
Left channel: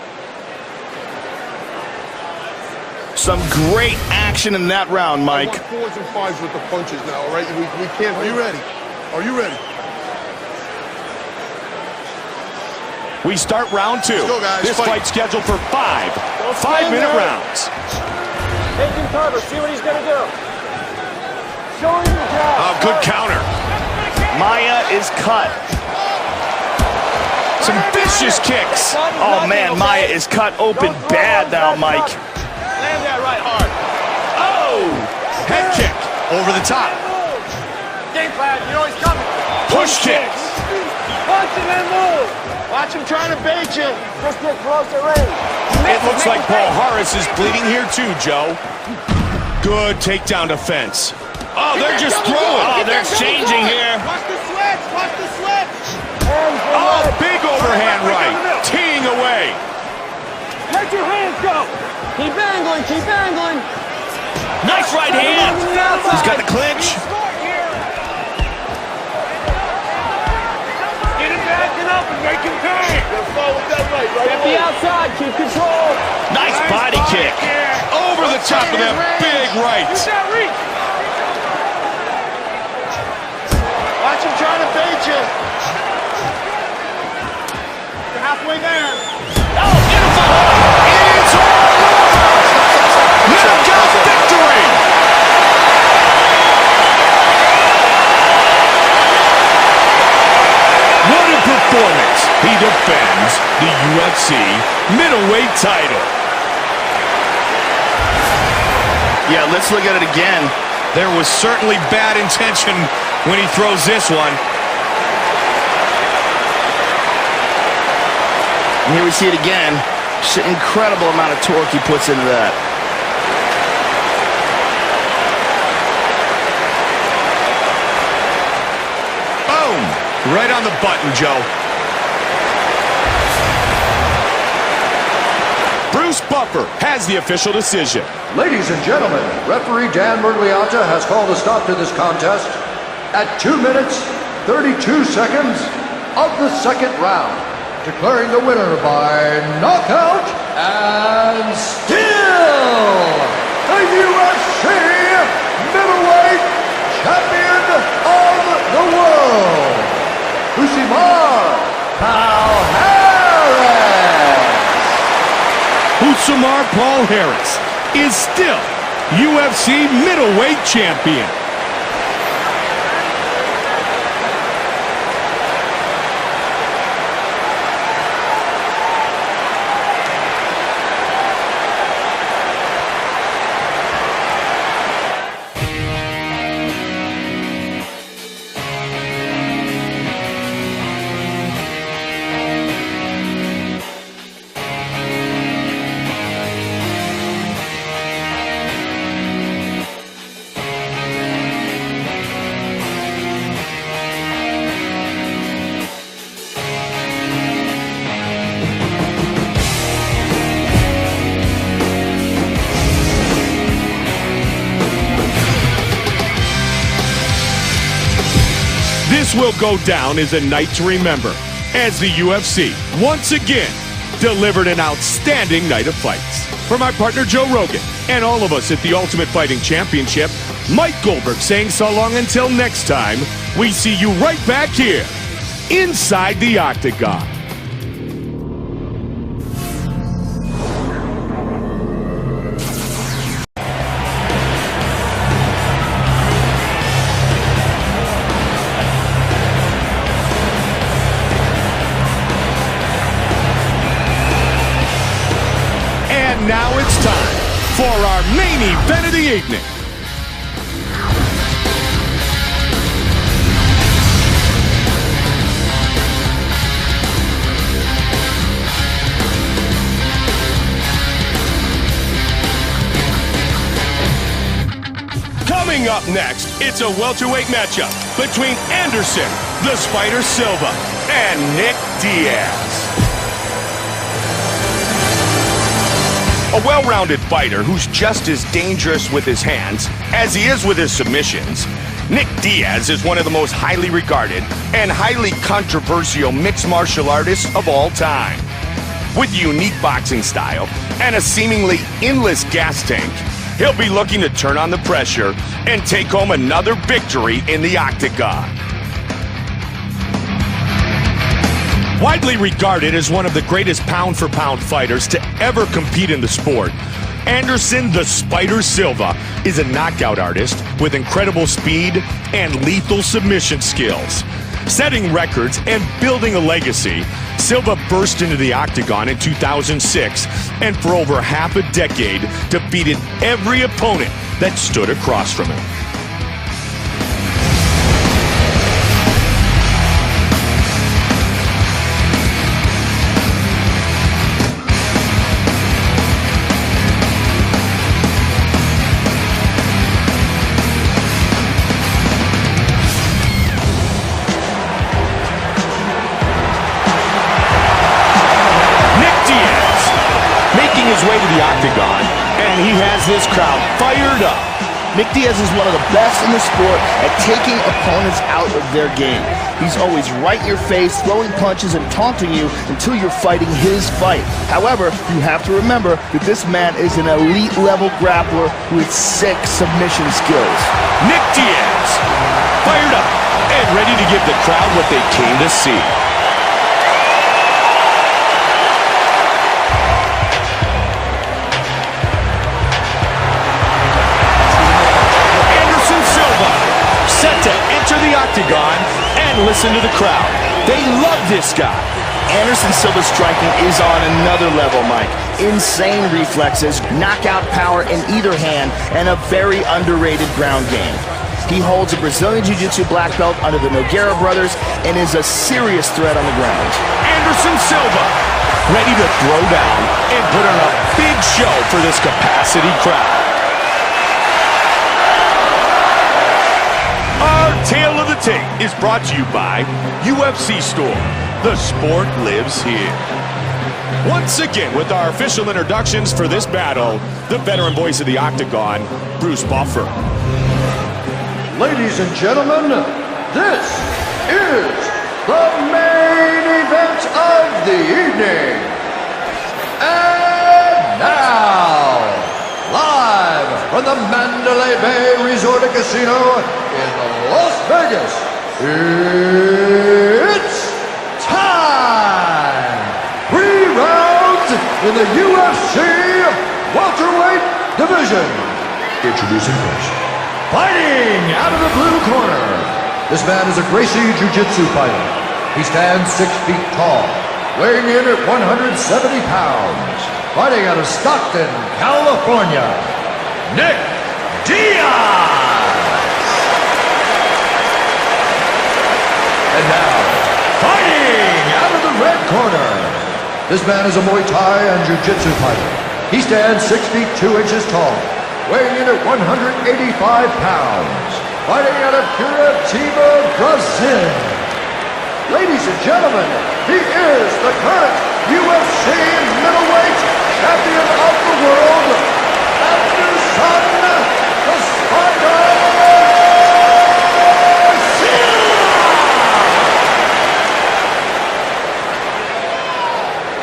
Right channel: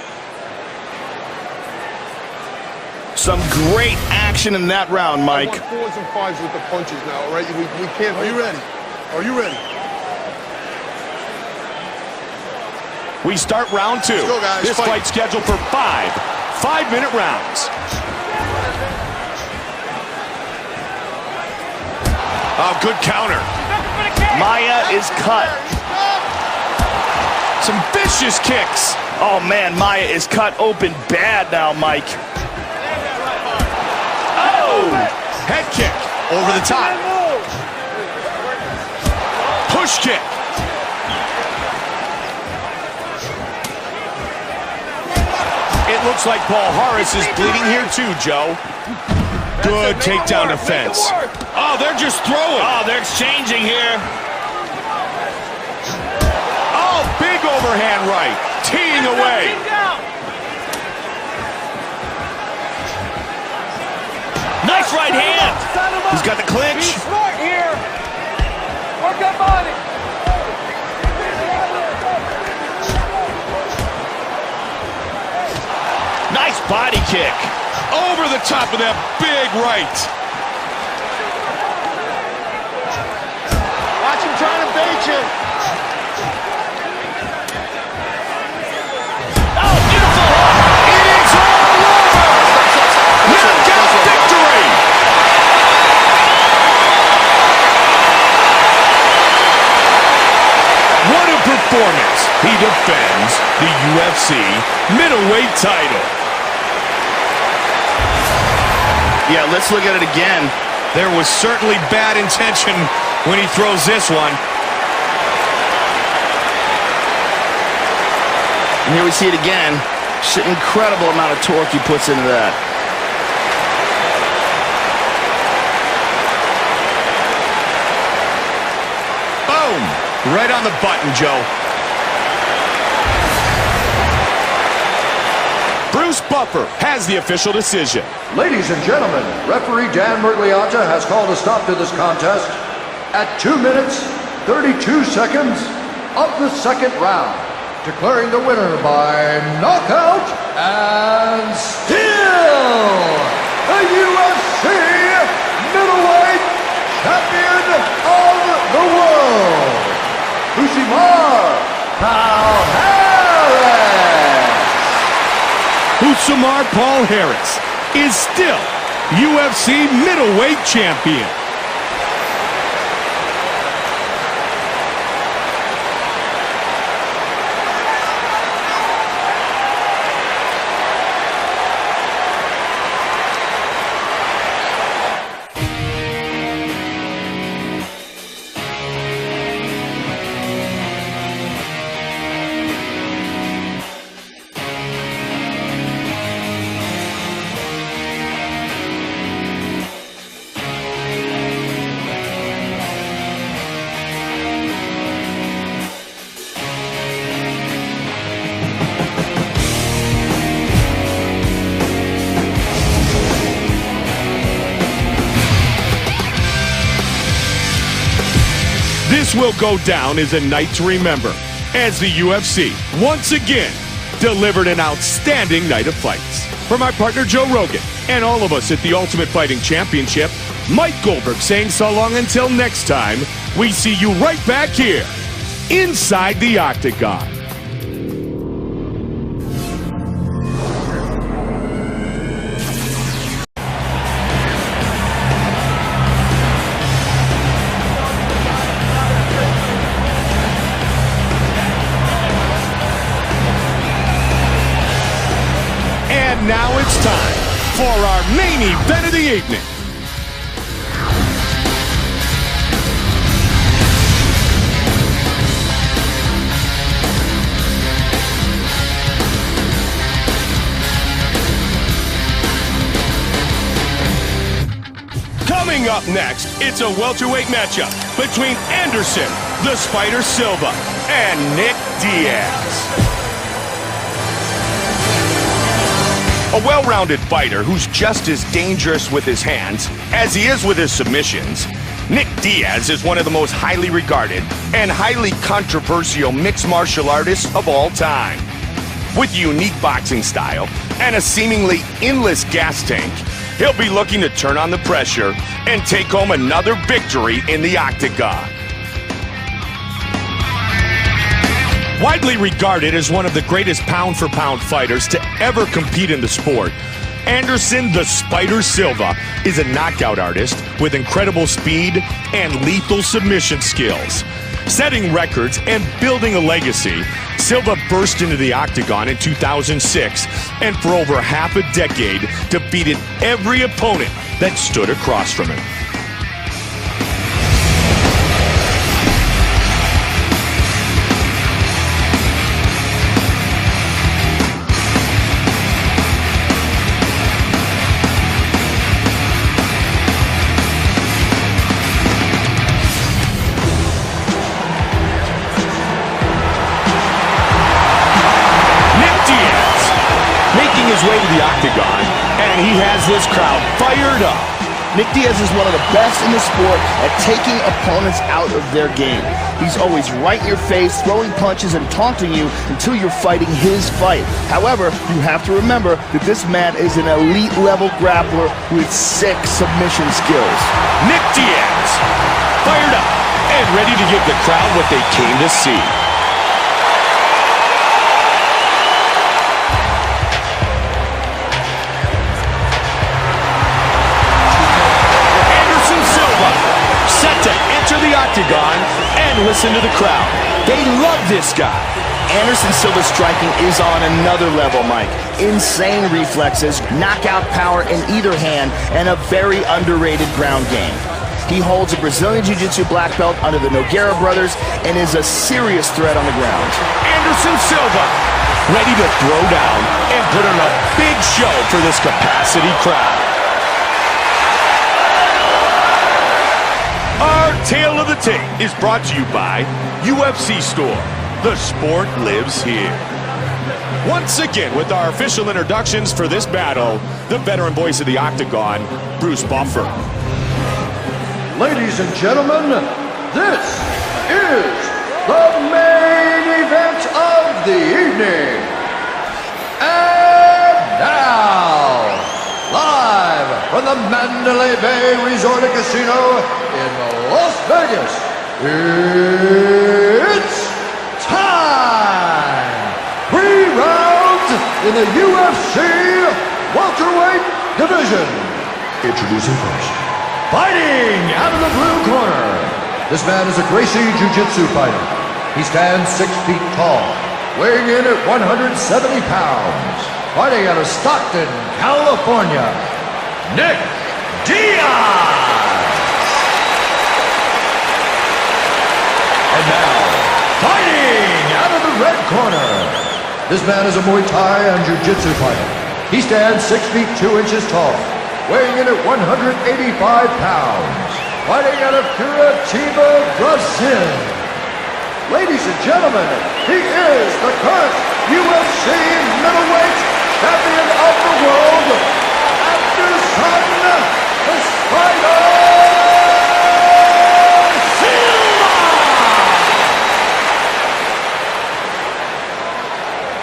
Some great action in that round, Mike. I want 4s and 5s with the punches now, all right? We can't... Are you ready? Are you ready? We start round 2. Let's go, guys. This fight scheduled for 5 5-minute rounds. Oh, good counter. Maia is cut. Some vicious kicks. Oh, man, Maia is cut open bad now, Mike. Oh! Head kick over the top. Push kick. trying to bait you. Let's get closer in. It looks like Palhares is bleeding here too, Joe. Good takedown defense. Oh, they're just throwing. Oh, they're exchanging here. Oh, big overhand right. Teeing away. Let your hands go. Keep angling, keep angling. Nice right hand. He's got the clinch. Work that body. Get him angling up and make him pay. At the outside, keep control. Nice body kick. Over the top of that big right. Oh, beautiful hook. It is all over. Knockout victory. What a performance. He defends the UFC middleweight title. Yeah, let's look at it again. There was certainly bad intention when he throws this one. And here we see it again. Just an incredible amount of torque he puts into that. Boom! Right on the button, Joe. Bruce Buffer has the official decision. Ladies and gentlemen, referee Dan Mergliata has called a stop to this contest at 2 minutes, 32 seconds of the second round, declaring the winner by knockout and still the UFC middleweight champion of the world, Rosimar Palhares. Rosimar Palhares is still UFC middleweight champion. This will go down as a night to remember, as the UFC once again delivered an outstanding night of fights. For my partner Joe Rogan and all of us at the Ultimate Fighting Championship, Mike Goldberg saying so long until next time. We see you right back here inside the Octagon. And now it's time for our main event of the evening. Coming up next, it's a welterweight matchup between Anderson, the Spider Silva, and Nick Diaz. A well-rounded fighter who's just as dangerous with his hands as he is with his submissions, Nick Diaz is one of the most highly regarded and highly controversial mixed martial artists of all time. With a unique boxing style and a seemingly endless gas tank, he'll be looking to turn on the pressure and take home another victory in the Octagon. Widely regarded as one of the greatest pound-for-pound fighters to ever compete in the sport, Anderson the Spider Silva is a knockout artist with incredible speed and lethal submission skills. Setting records and building a legacy, Silva burst into the Octagon in 2006 and for over half a decade defeated every opponent that stood across from him. making his way to the octagon, and he has this crowd fired up. Nick Diaz is one of the best in the sport at taking opponents out of their game. He's always right in your face, throwing punches and taunting you until you're fighting his fight. However, you have to remember that this man is an elite-level grappler with sick submission skills. Nick Diaz, fired up and ready to give the crowd what they came to see. Silva, set to enter the octagon, and listen to the crowd. They love this guy. Anderson Silva's striking is on another level, Mike. Insane reflexes, knockout power in either hand, and a very underrated ground game. He holds a Brazilian Jiu-Jitsu black belt under the Nogueira brothers and is a serious threat on the ground. Anderson Silva, ready to throw down and put on a big show for this capacity crowd. Our Tale of the Tape is brought to you by UFC Store. The sport lives here. Once again, with our official introductions for this battle, the veteran voice of the octagon, Bruce Buffer. Ladies and gentlemen, this is the main event of the evening. And now, live from the Mandalay Bay Resort and Casino in Las Vegas, it's time! 3 rounds in the UFC welterweight division. Introducing first, fighting out of the blue corner. This man is a Gracie Jiu-Jitsu fighter. He stands 6 feet tall, weighing in at 170 pounds. Fighting out of Stockton, California, Nick Diaz. And now, fighting out of the red corner. This man is a Muay Thai and Jiu-Jitsu fighter. He stands 6 feet 2 inches tall, weighing in at 185 pounds. Fighting out of Curitiba, Brazil. Ladies and gentlemen, he is the current UFC middleweight champion of the world, Anderson the Spider Silva!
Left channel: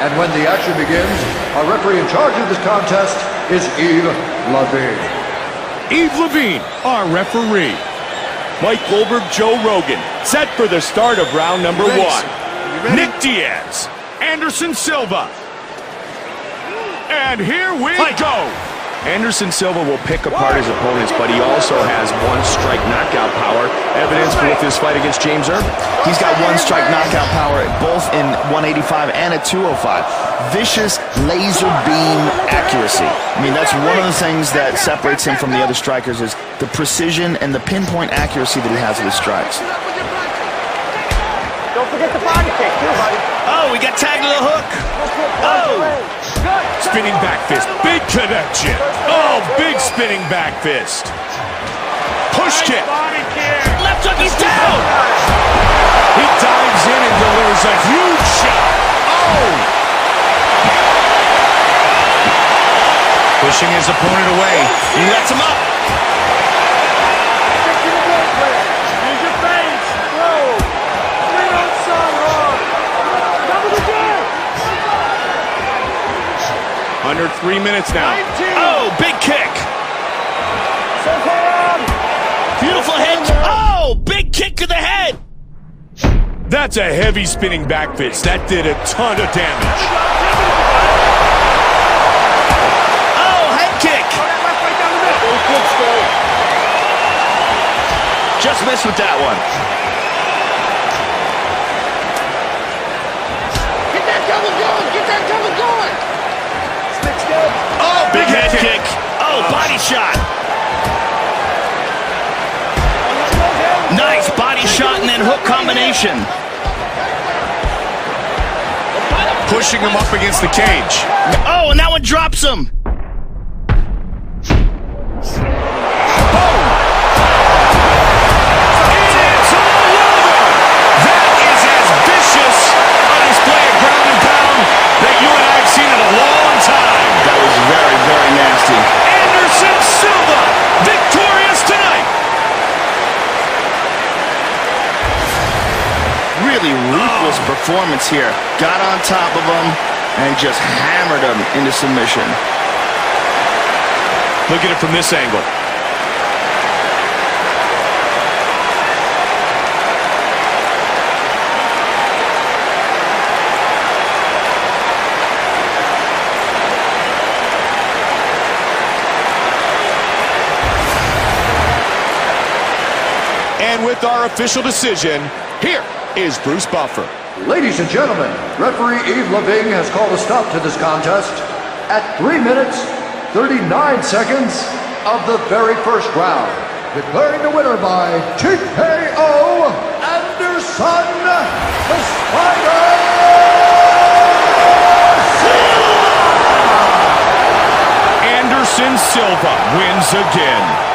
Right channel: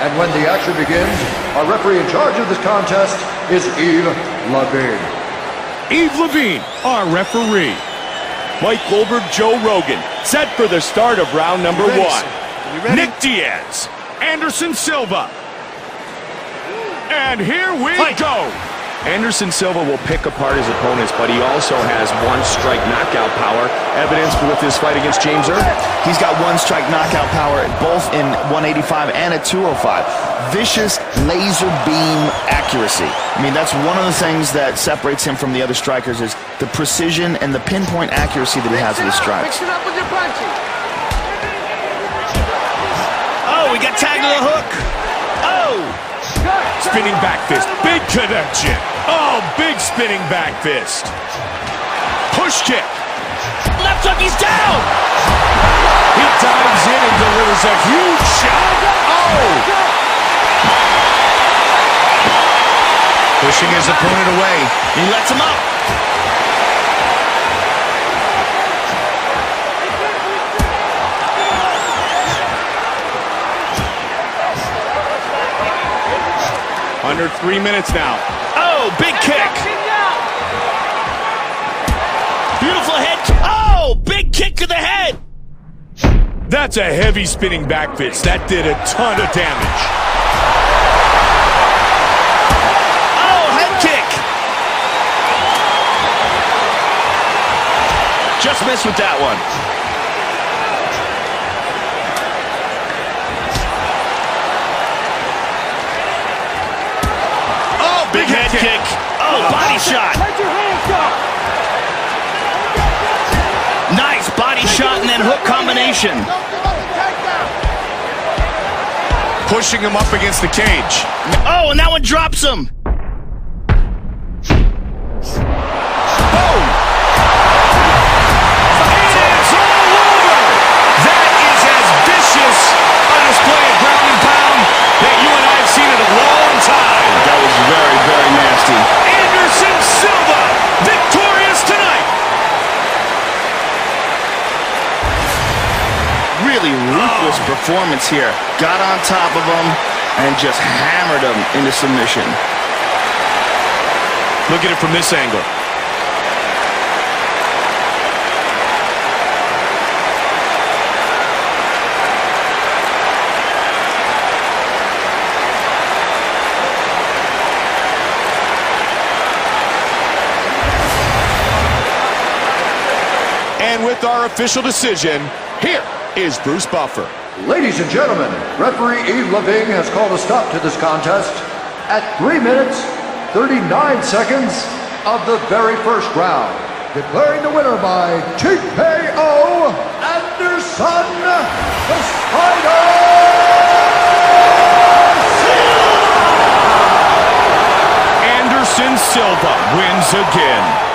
And when the action begins, our referee in charge of this contest is Yves Levine. Yves Levine, our referee. Mike Goldberg, Joe Rogan, set for the start of round number 1. Nick Diaz, Anderson Silva. And here we go. Anderson Silva will pick apart his opponents, but he also has one-strike knockout power, evidenced with his fight against James Irvin. He's got one-strike knockout power both in 185 and at 205. Vicious laser beam accuracy. I mean, that's one of the things that separates him from the other strikers is the precision and the pinpoint accuracy that he has with his strikes. Oh, he got tagged to the hook. Oh! Spinning back fist, big connection. Oh, big spinning back fist. Push kick. Left hook, he's down. He dives in and delivers a huge shot. Oh! Pushing his opponent away. He lets him up. Under 3 minutes now. Oh, big kick. Beautiful head. Oh, big kick to the head. That's a heavy spinning back fist. That did a ton of damage. Oh, head kick. Just missed with that one. Big head kick. Oh, body shot. Nice body shot and then hook combination. Pushing him up against the cage. Oh, and that one drops him. Boom. It is all over. That is as vicious a display of ground and pound that you and I have seen in a long time. really ruthless performance here. Got on top of him and just hammered him into submission. Look at it from this angle. And with our official decision, here is Bruce Buffer. Ladies and gentlemen, referee Yves Leving has called a stop to this contest at 3 minutes, 39 seconds of the very first round. Declaring the winner by TKO, Anderson the Spider Silva! Anderson Silva wins again.